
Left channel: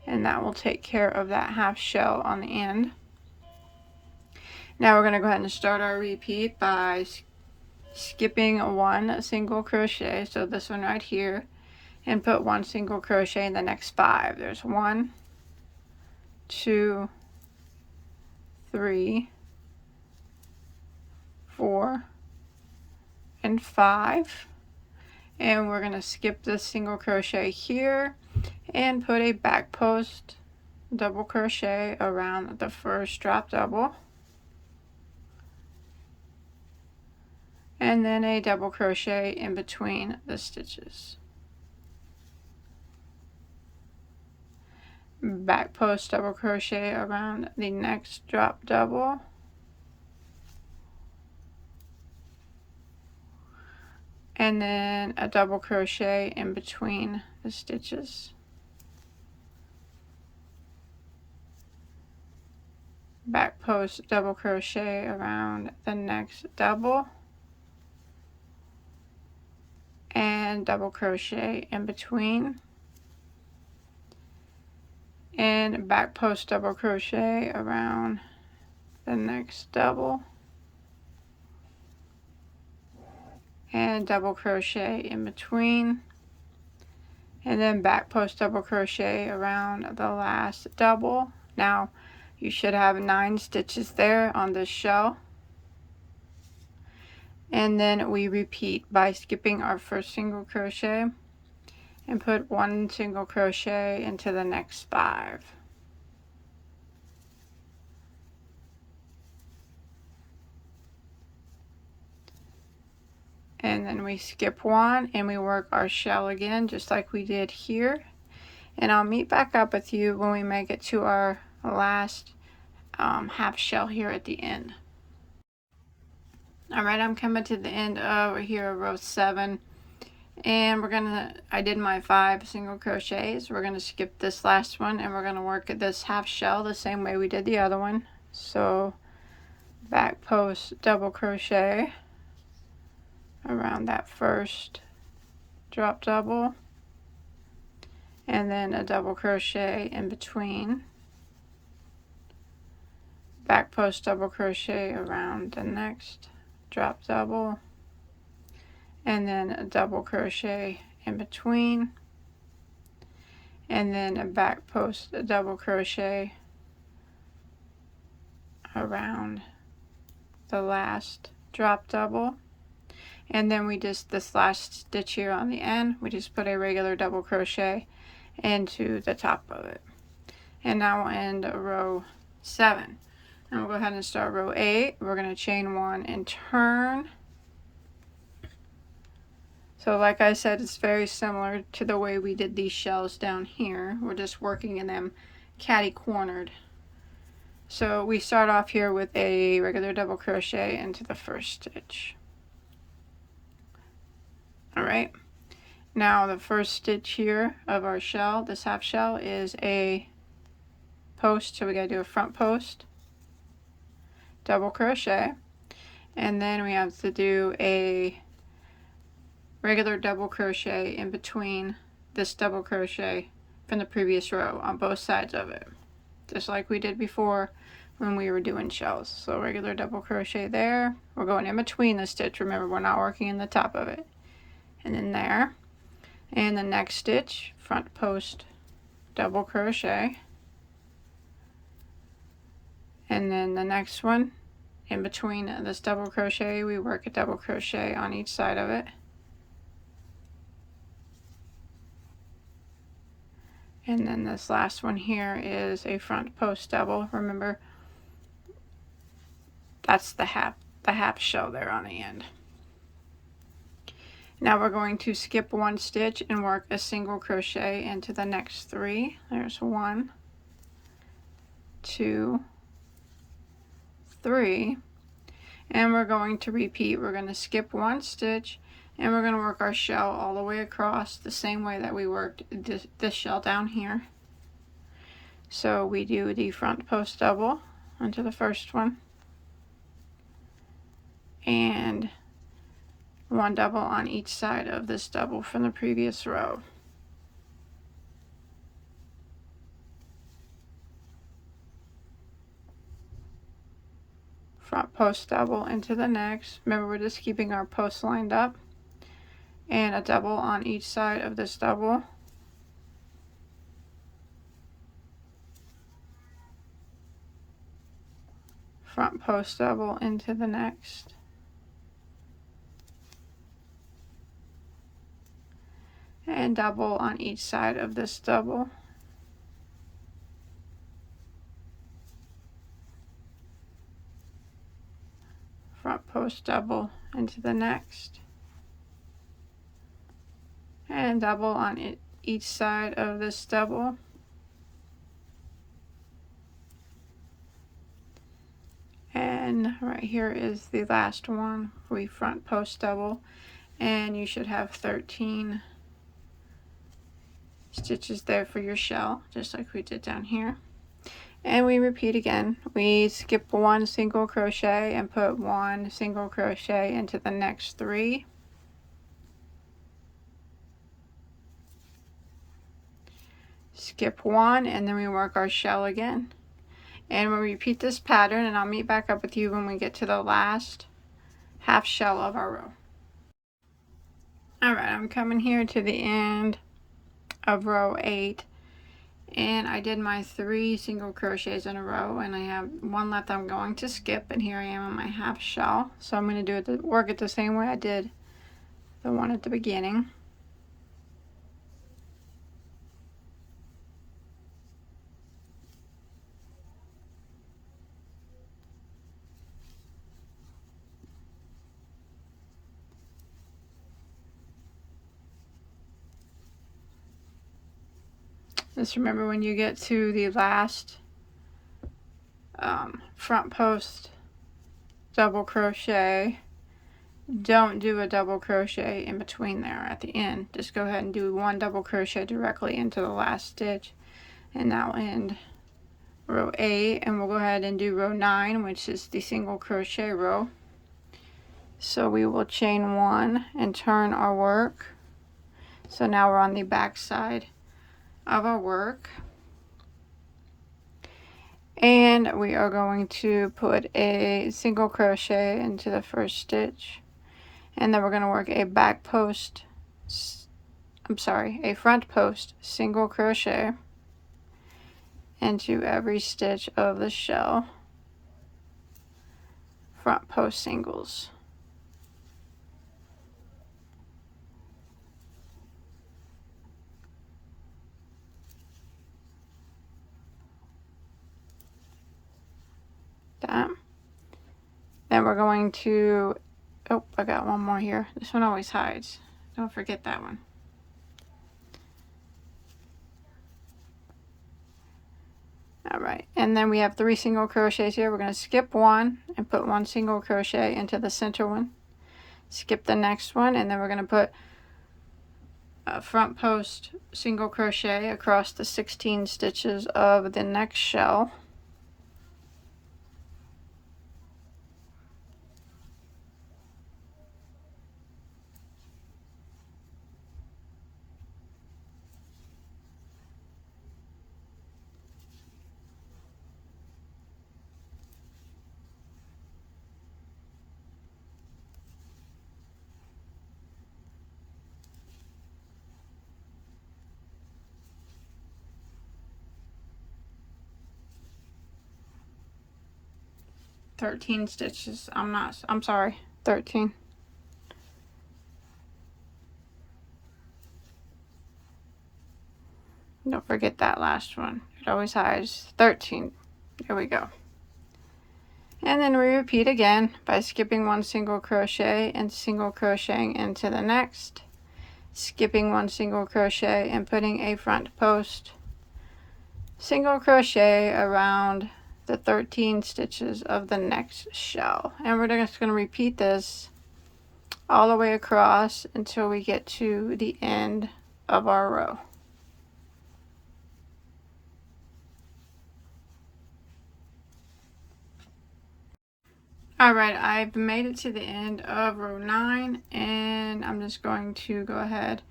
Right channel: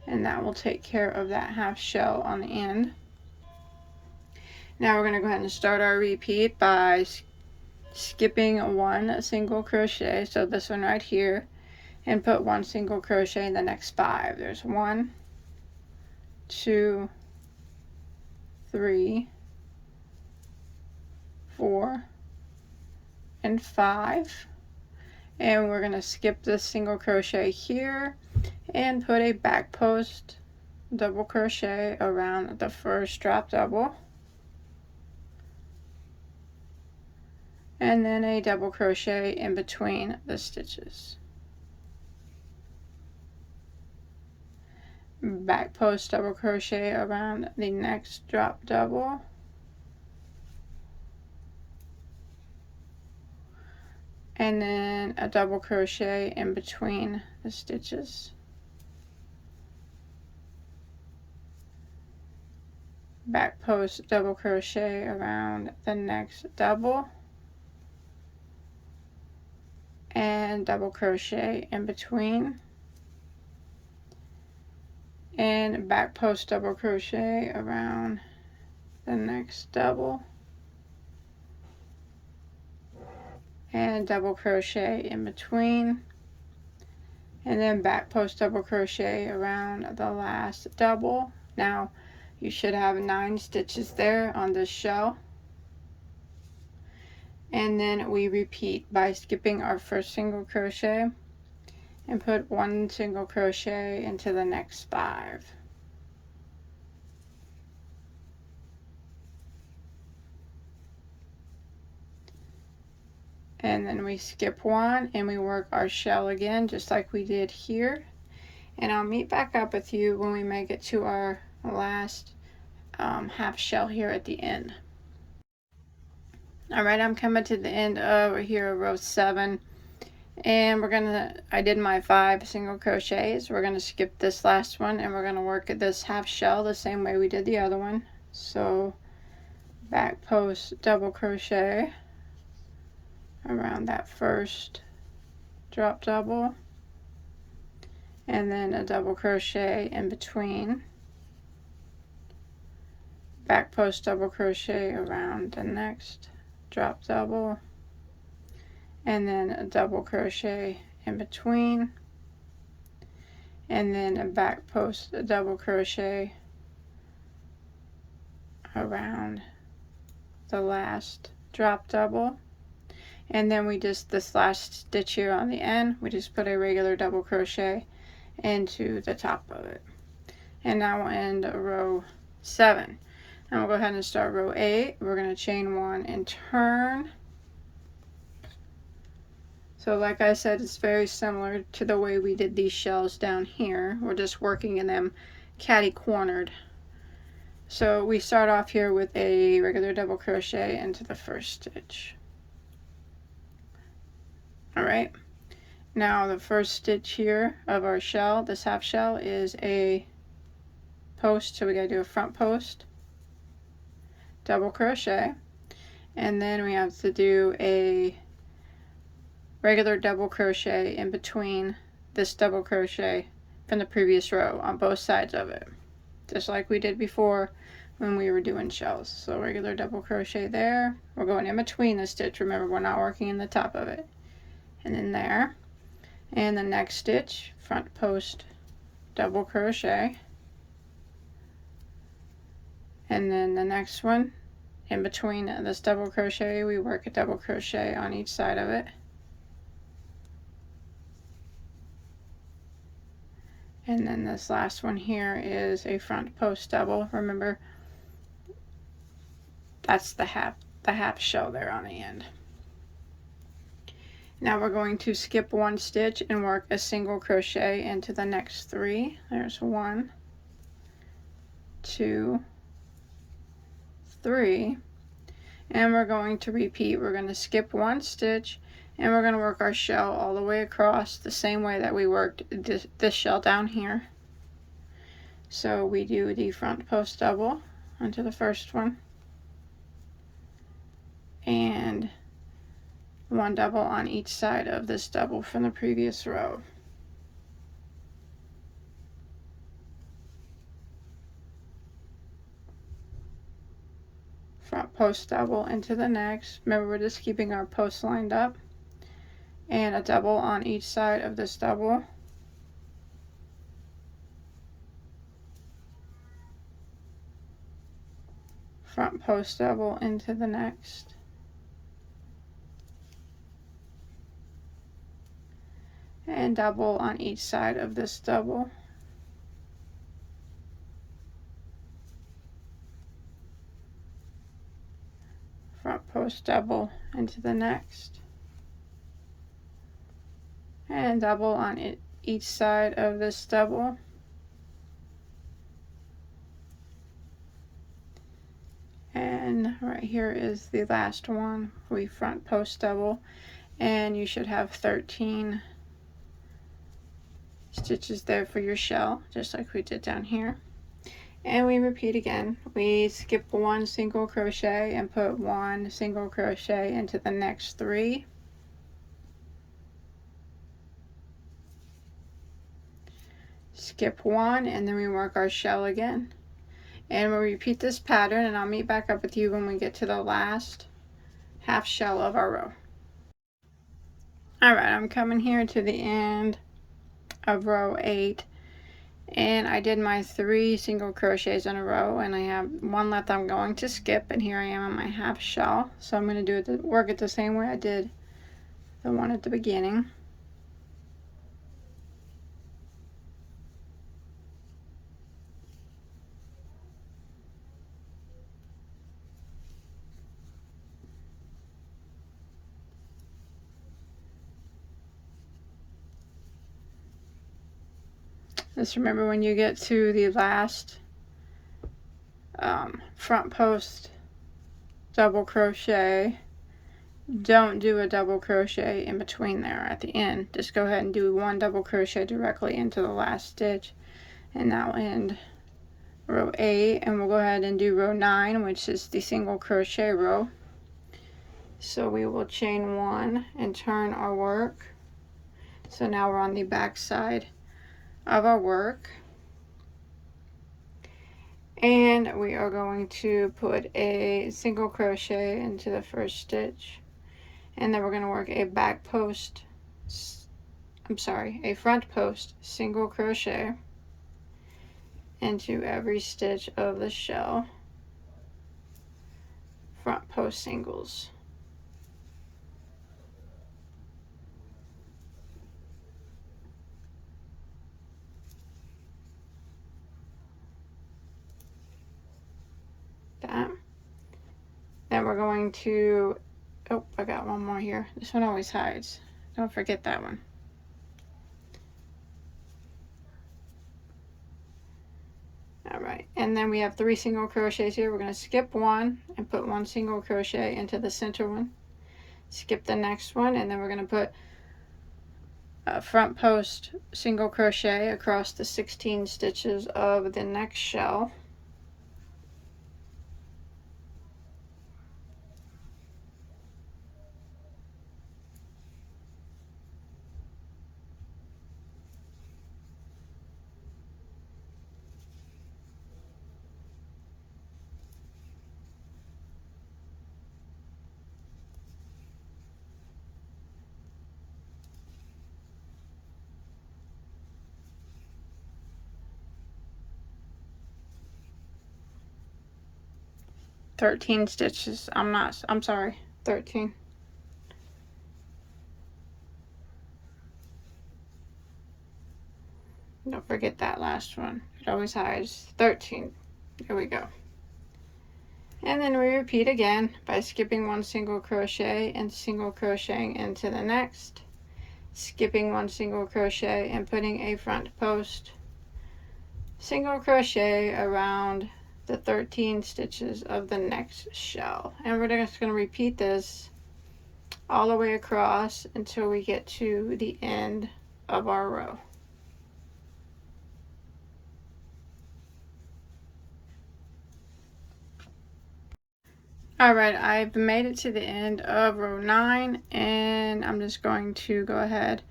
and that will take care of that half shell on the end. Now we're going to go ahead and start our repeat by skipping 1 single crochet, so this one right here, and put 1 single crochet in the next 5. There's 1, 2, 3, 4, and 5, and we're going to skip this single crochet here and put a back post double crochet around the first drop double, and then a double crochet in between the stitches. back post double crochet around the next drop double, and then a double crochet in between the stitches. Back post double crochet around the next double, and double crochet in between, and back post double crochet around the next double, and double crochet in between, and then back post double crochet around the last double. Now you should have 9 stitches there on this shell, and then we repeat by skipping our first single crochet and put 1 single crochet into the next 5. And then we skip 1 and we work our shell again just like we did here, and I'll meet back up with you when we make it to our last half shell here at the end. Alright, I'm coming to the end of here, row 7, and I did my 5 single crochets. We're gonna skip this last one and we're gonna work at this half shell the same way we did the other one. So back post double crochet around that first drop double, and then a double crochet in between, back post double crochet around the next drop double, and then a double crochet in between, and then a back post double crochet around the last drop double, and then we just, this last stitch here on the end, we just put a regular double crochet into the top of it. And now we'll end row 7. And we'll go ahead and start row 8. We're going to chain 1 and turn. So like I said, it's very similar to the way we did these shells down here. We're just working in them catty-cornered. So we start off here with a regular double crochet into the first stitch. Alright, now the first stitch here of our shell, this half shell, is a post, so we got to do a front post, double crochet, and then we have to do a regular double crochet in between this double crochet from the previous row on both sides of it, just like we did before when we were doing shells. So regular double crochet there, we're going in between the stitch, remember we're not working in the top of it, and then there, and the next stitch, front post double crochet, and then the next one, in between this double crochet, we work a double crochet on each side of it, and then this last one here is a front post double. Remember, that's the half shell there on the end. Now we're going to skip 1 stitch and work a single crochet into the next 3. There's 1, 2, 3, and we're going to repeat. We're going to skip 1 stitch and we're going to work our shell all the way across the same way that we worked this shell down here. So we do the front post double onto the first one, and 1 double on each side of this double from the previous row. Front post double into the next. Remember, we're just keeping our posts lined up, and a double on each side of this double. Front post double into the next. And double on each side of this double. Front post double into the next, and double on each side of this double. then right here is the last one. We front post double, and you should have 13 stitches there for your shell, just like we did down here. And we repeat again. We skip one single crochet and put one single crochet into the next 3. Skip one, and then we work our shell again. And we'll repeat this pattern, and I'll meet back up with you when we get to the last half shell of our row. Alright, I'm coming here to the end of row 8, and I did my 3 single crochets in a row, and I have one left I'm going to skip, and here I am on my half shell. So I'm going to do it, work it the same way I did the one at the beginning. Just remember, when you get to the last front post double crochet, don't do a double crochet in between there at the end. Just go ahead and do one double crochet directly into the last stitch, and that will end row 8. And we'll go ahead and do row 9, which is the single crochet row. So we will chain 1 and turn our work. So now we're on the back side of our work, and we are going to put a single crochet into the first stitch, and then we're going to work a a front post single crochet into every stitch of the shell. Front post singles. That. Then we're going to, oh, I got one more here. This one always hides. Don't forget that one. Alright, and then we have 3 single crochets here. We're going to skip one and put one single crochet into the center one. Skip the next one, and then we're going to put a front post single crochet across the 16 stitches of the next shell. "13 stitches. I'm sorry, 13. Don't forget that last one. It always hides. 13. There we go. And then we repeat again by skipping one single crochet and single crocheting into the next, skipping one single crochet and putting a front post single crochet around the 13 stitches of the next shell. And we're just going to repeat this all the way across until we get to the end of our row. Alright, I've made it to the end of row 9, and I'm just going to go ahead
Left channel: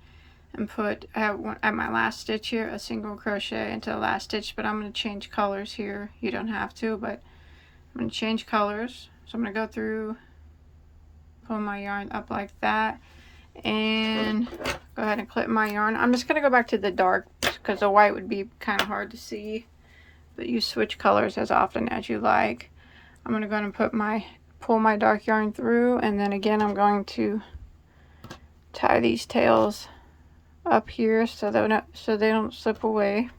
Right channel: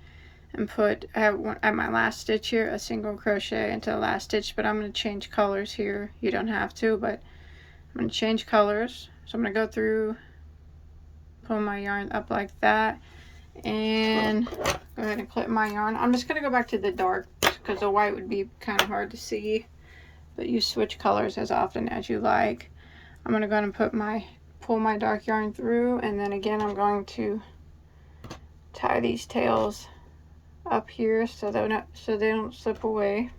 and put at my last stitch here a single crochet into the last stitch, but I'm going to change colors here. You don't have to, but I'm going to change colors. So I'm going to go through, pull my yarn up like that, and go ahead and clip my yarn. I'm just going to go back to the dark because the white would be kind of hard to see, but you switch colors as often as you like. I'm going to go ahead and pull my dark yarn through, and then again I'm going to tie these tails up here so they don't slip away.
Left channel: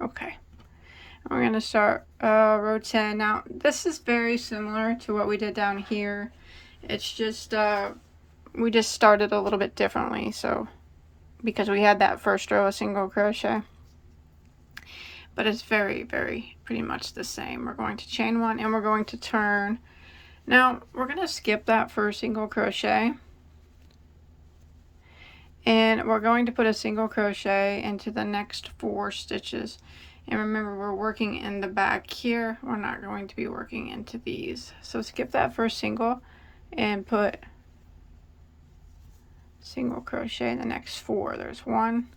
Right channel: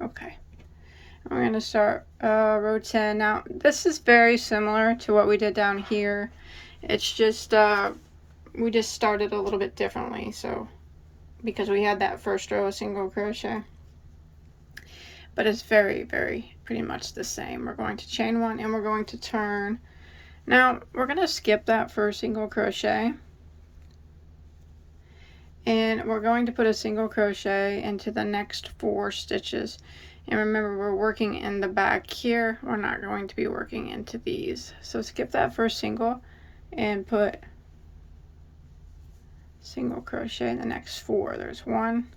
Okay, we're going to start row 10. Now this is very similar to what we did down here. It's just we just started a little bit differently. So because we had that first row of single crochet. But it's very, very pretty much the same. We're going to chain one and we're going to turn. Now we're going to skip that first single crochet, and we're going to put a single crochet into the next 4 stitches. And remember, we're working in the back here. We're not going to be working into these. So skip that first single and put single crochet in the next 4. There's 1,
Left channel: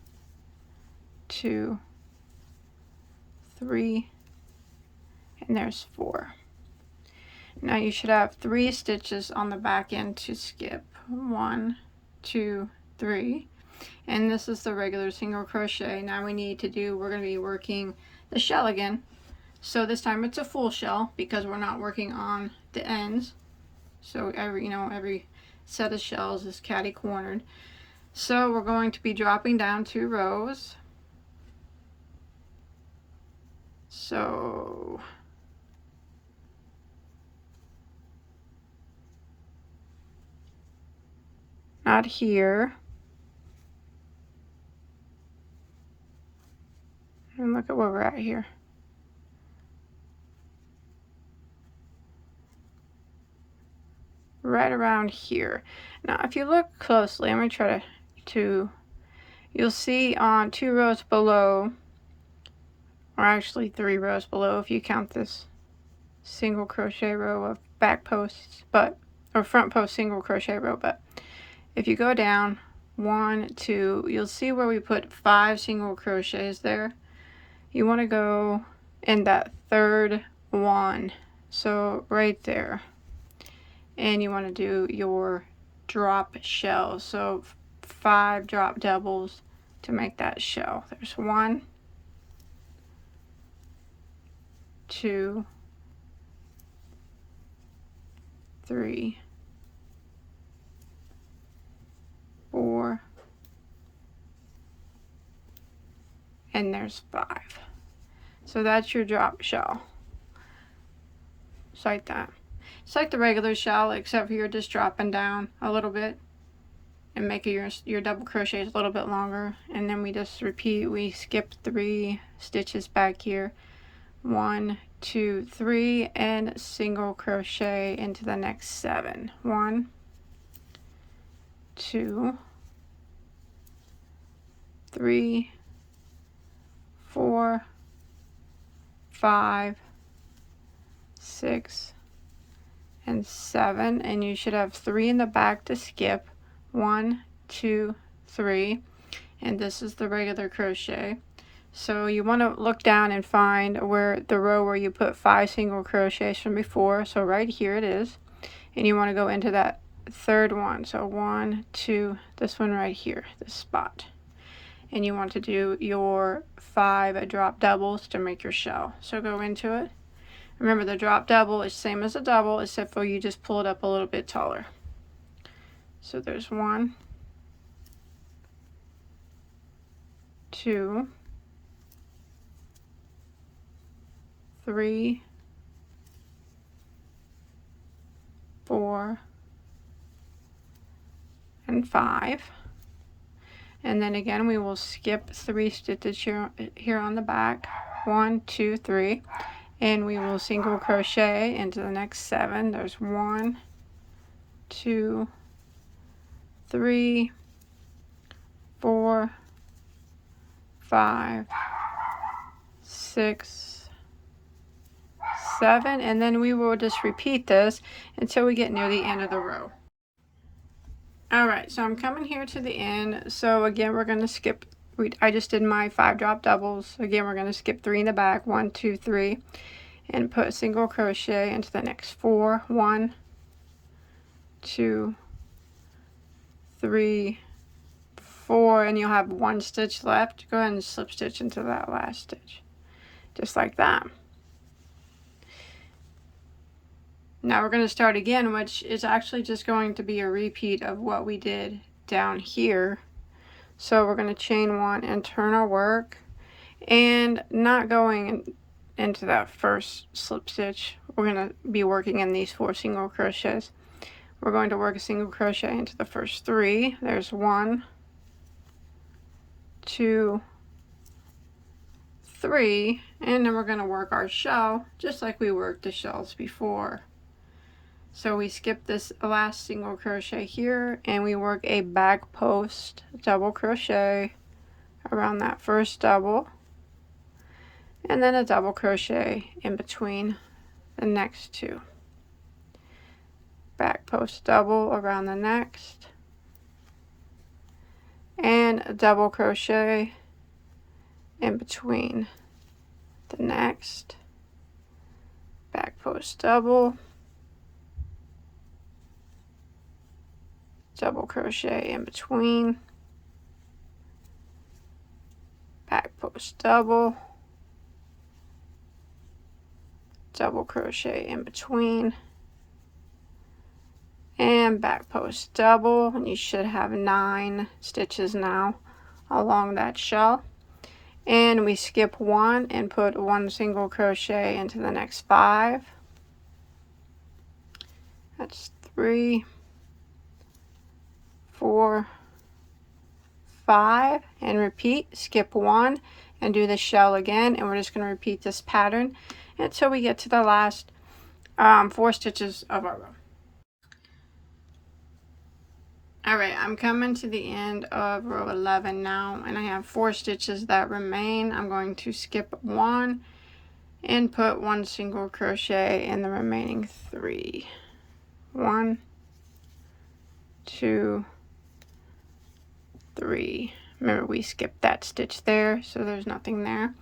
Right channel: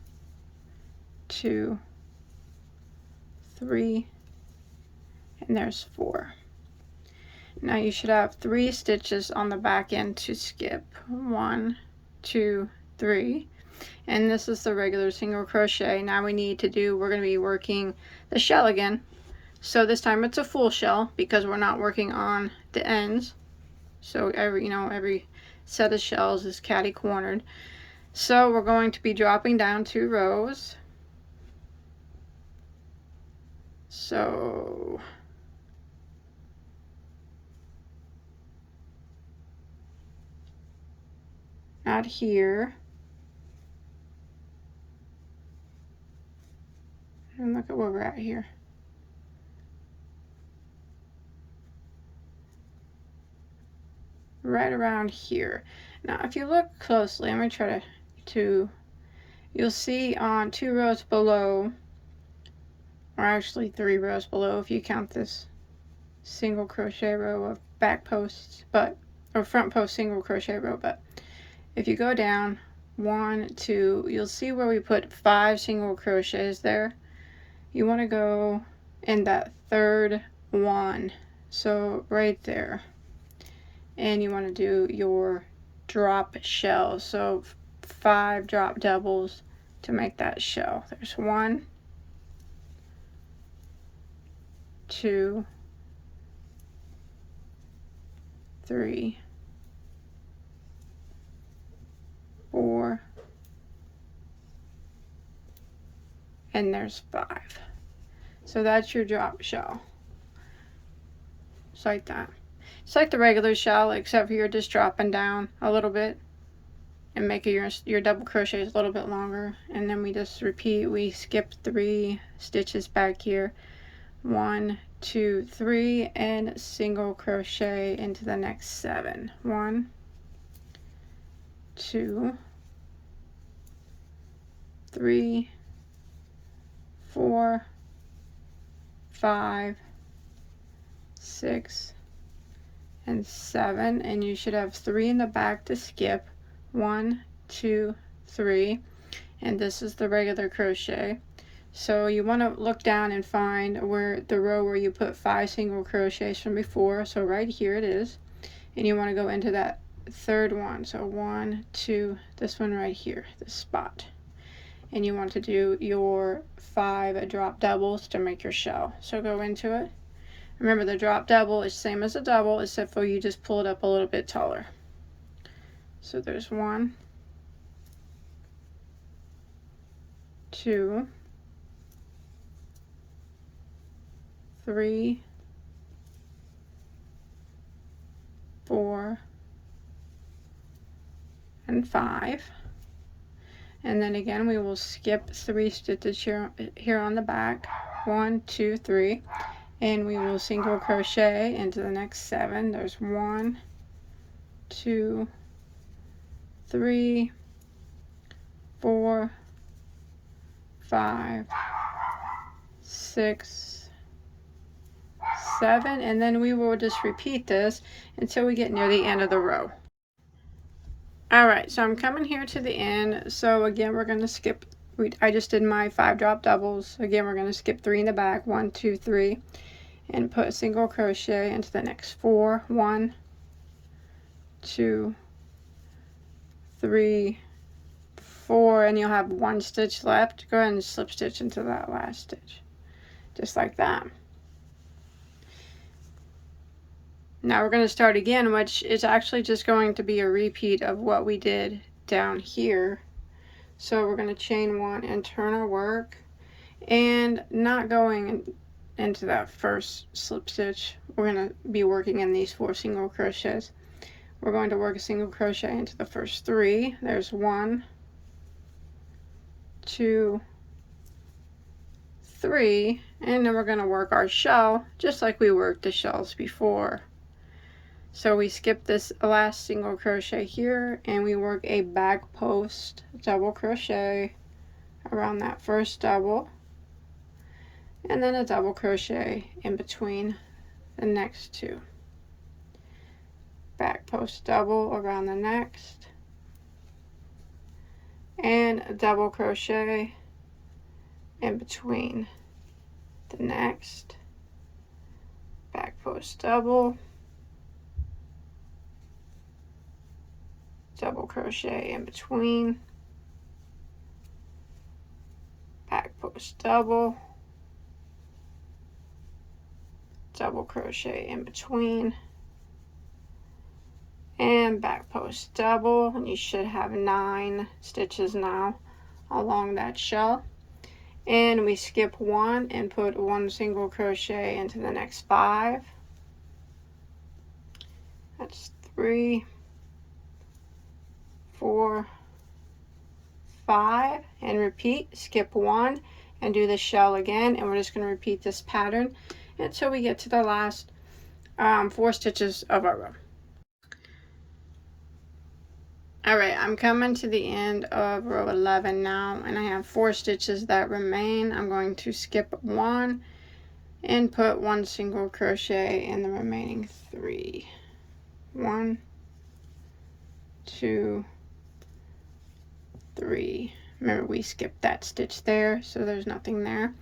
2, 3, and there's 4. Now you should have 3 stitches on the back end to skip. 1, 2, 3. And this is the regular single crochet. Now we need to do, we're going to be working the shell again. So this time it's a full shell because we're not working on the ends. So every set of shells is catty cornered. So we're going to be dropping down 2 rows. So not here. And look at where we're at here. Right around here. Now if you look closely, I'm going to try to you'll see on 2 rows below, or actually 3 rows below if you count this single crochet row of back posts, or front post single crochet row. But if you go down 1, 2, you'll see where we put 5 single crochets there. You want to go in that 3rd one, so right there, and you want to do your drop shell. So 5 drop doubles to make that shell. There's 1, 2, 3, 4, and there's 5. So that's your drop shell. Just like that. It's like the regular shell, except for you're just dropping down a little bit and making your double crochets a little bit longer. And then we just repeat. We skip 3 stitches back here. 1, 2, 3, and single crochet into the next 7. 1, 2, 3, 4, 5, 6, and 7, and you should have 3 in the back to skip. 1, 2, 3, and this is the regular crochet. So you want to look down and find where the row where you put 5 single crochets from before. So right here it is, and you want to go into that 3rd one. So 1, 2, this one right here, this spot, and you want to do your 5 drop doubles to make your shell. So go into it. Remember, the drop double is same as a double, except for you just pull it up a little bit taller. So there's 1, 2, 3, 4, and 5. And then again, we will skip 3 stitches here on the back. 1, 2, 3. And we will single crochet into the next 7. There's 1, 2, 3, 4, 5, 6, 7, and then we will just repeat this until we get near the end of the row. Alright, so I'm coming here to the end. So again, we're going to skip, I just did my 5 drop doubles. Again, we're going to skip 3 in the back, 1, 2, 3, and put a single crochet into the next 4. 1, 2, 3, 4, and you'll have 1 stitch left. Go ahead and slip stitch into that last stitch, just like that. Now we're going to start again, which is actually just going to be a repeat of what we did down here. So we're going to chain 1 and turn our work, and not going into that first slip stitch. We're going to be working in these 4 single crochets. We're going to work a single crochet into the first 3. There's 1, 2, 3, and then we're going to work our shell just like we worked the shells before. So we skip this last single crochet here and we work a back post double crochet around that first double, and then a double crochet in between the next two. Back post double around the next, and a double crochet in between the next. Back post double, double crochet in between, back post double, double crochet in between, and back post double, and you should have 9 stitches now along that shell. And we skip 1 and put 1 single crochet into the next 5. That's 3, 4, 5, and repeat. Skip 1 and do the shell again, and we're just going to repeat this pattern until we get to the last 4 stitches of our row. Alright, I'm coming to the end of row 11 now, and I have 4 stitches that remain. I'm going to skip 1 and put 1 single crochet in the remaining 3. 1, 2, 3. Remember, we skipped that stitch there, so there's nothing there.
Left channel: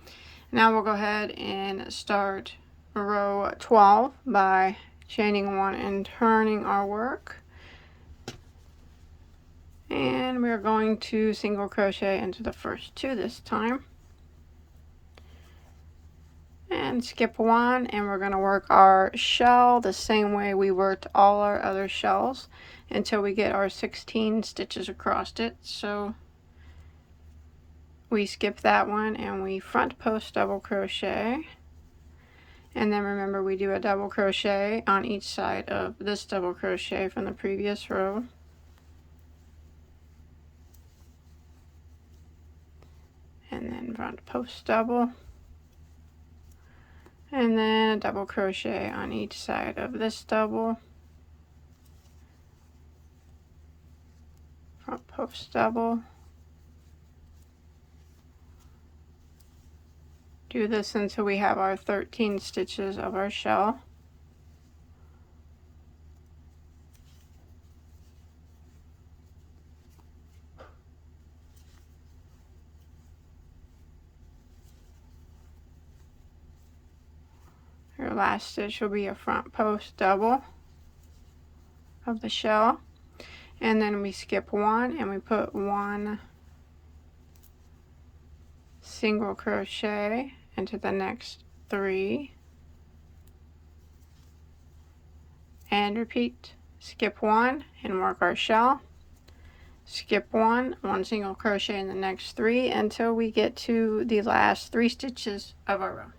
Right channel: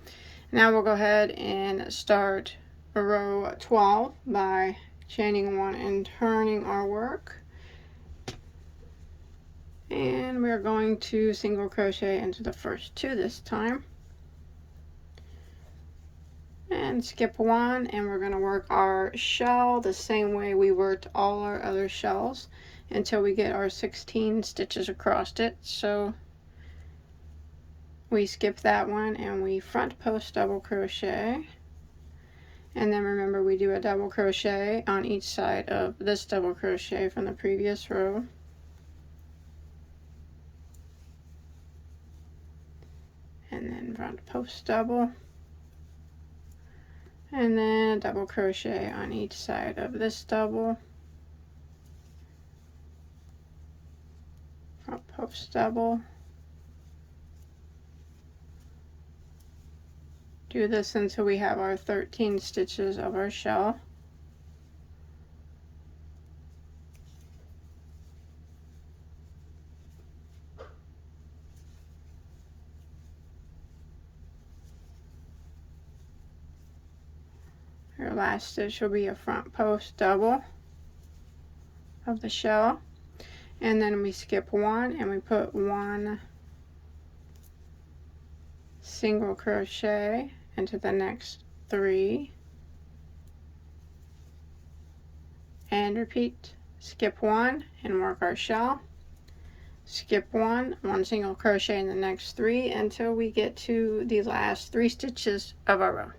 Now we'll go ahead and start row 12 by chaining 1 and turning our work. And we're going to single crochet into the first 2 this time, and skip 1, and we're going to work our shell the same way we worked all our other shells until we get our 16 stitches across it. So we skip that one and we front post double crochet, and then remember we do a double crochet on each side of this double crochet from the previous row. And then front post double, and then a double crochet on each side of this double, front post double. Do this until we have our 13 stitches of our shell. Your last stitch will be a front post double of the shell, and then we skip 1 and we put 1 single crochet into the next 3, and repeat. Skip 1 and work our shell, skip 1, 1 single crochet in the next 3 until we get to the last 3 stitches of our row.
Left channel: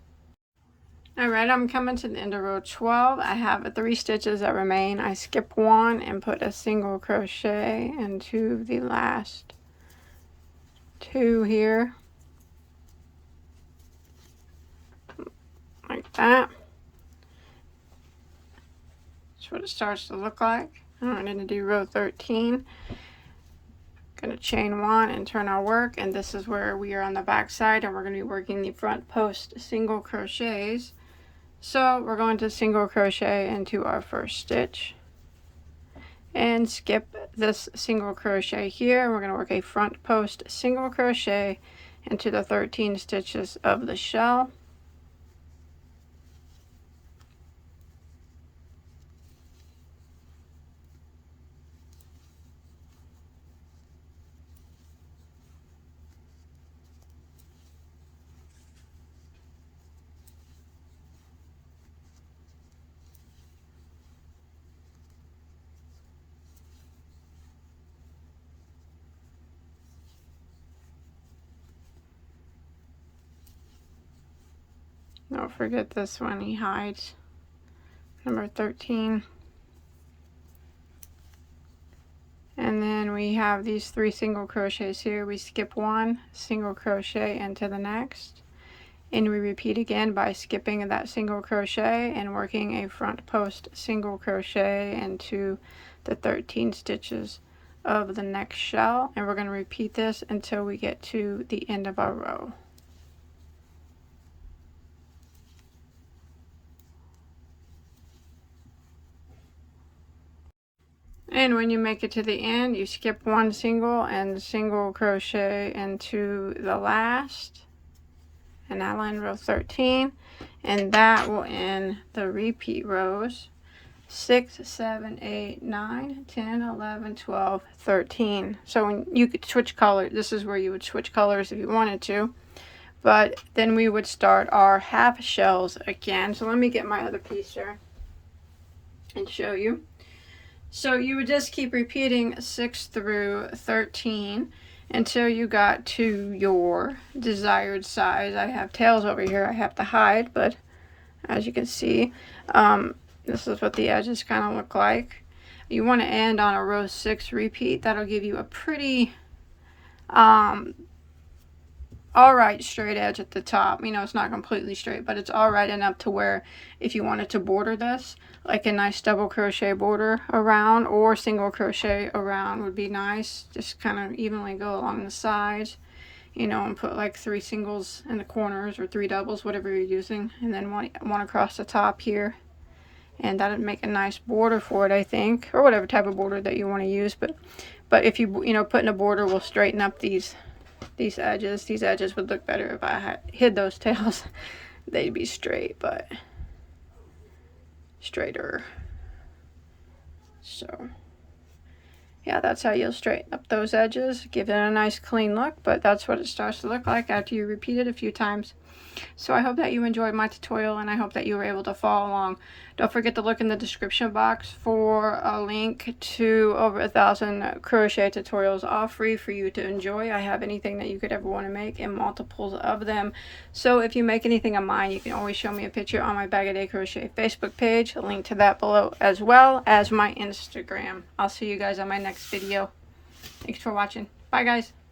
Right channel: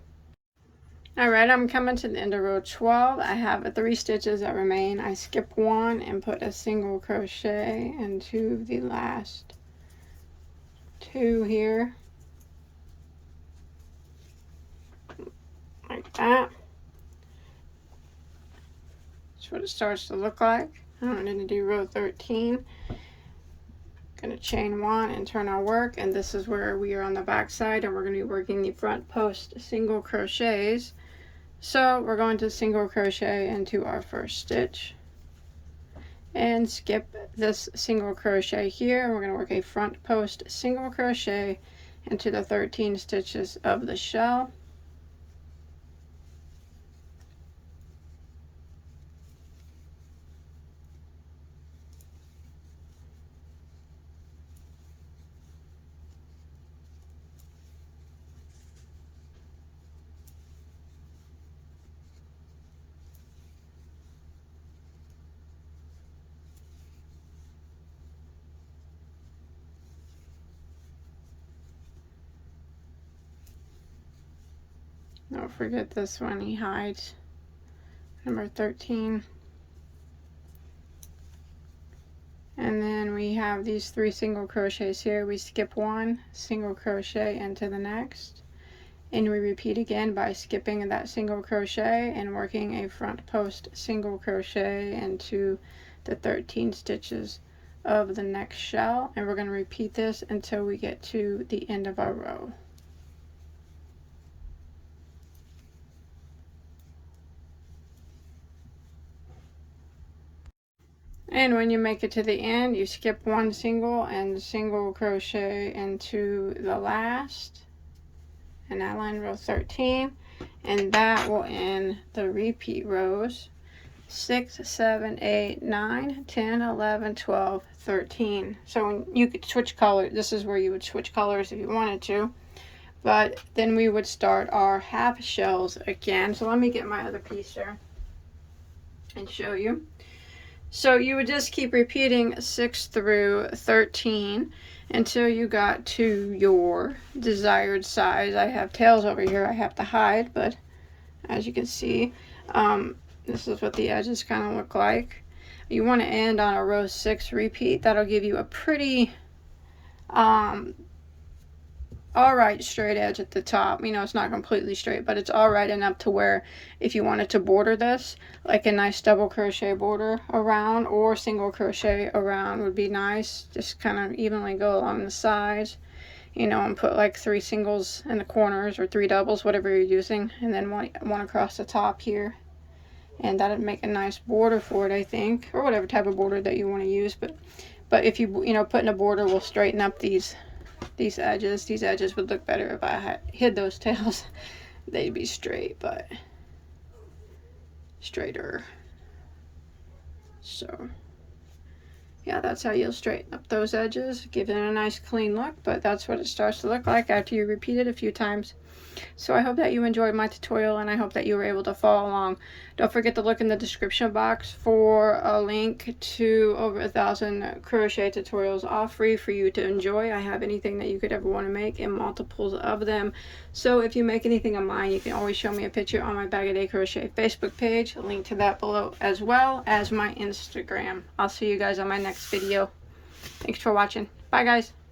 Alright, I'm coming to the end of row 12. I have 3 stitches that remain. I skip 1 and put a single crochet into the last 2 here, like that. That's what it starts to look like. I'm going to do row 13. Going to chain 1 and turn our work, and this is where we are on the back side, and we're going to be working the front post single crochets. So we're going to single crochet into our first stitch and skip this single crochet here. We're going to work a front post single crochet into the 13 stitches of the shell. Don't forget this one, he hides number 13. And then we have these 3 single crochets here. We skip 1 single crochet into the next, and we repeat again by skipping that single crochet and working a front post single crochet into the 13 stitches of the next shell, and we're going to repeat this until we get to the end of our row. And when you make it to the end, you skip 1 single and single crochet into the last, and that'll end row 13, and that will end the repeat rows 6, 7, 8, 9, 10, 11, 12, 13. So when you could switch color, this is where you would switch colors if you wanted to, but then we would start our half shells again. So let me get my other piece here and show you. So you would just keep repeating 6 through 13 until you got to your desired size. I have tails over here I have to hide, but as you can see, this is what the edges kind of look like. You want to end on a row 6 repeat. That'll give you a pretty alright straight edge at the top. You know, it's not completely straight, but it's alright enough to where if you wanted to border this, like a nice double crochet border around or single crochet around would be nice. Just kind of evenly go along the sides, you know, and put like 3 singles in the corners or 3 doubles, whatever you're using, and then one across the top here. And that would make a nice border for it, I think, or whatever type of border that you want to use. But if you know, putting a border will straighten up these edges. These edges would look better if I hid those tails. They'd be straight, but straighter. So yeah, that's how you'll straighten up those edges, give it a nice clean look. But that's what it starts to look like after you repeat it a few times. So I hope that you enjoyed my tutorial, and I hope that you were able to follow along. Don't forget to look in the description box for a link to over 1,000 crochet tutorials, all free for you to enjoy. I have anything that you could ever want to make and multiples of them. So if you make anything of mine, you can always show me a picture on my Bag O Day Crochet Facebook page. A link to that below, as well as my Instagram. I'll see you guys on my next video. Thanks for watching. Bye guys.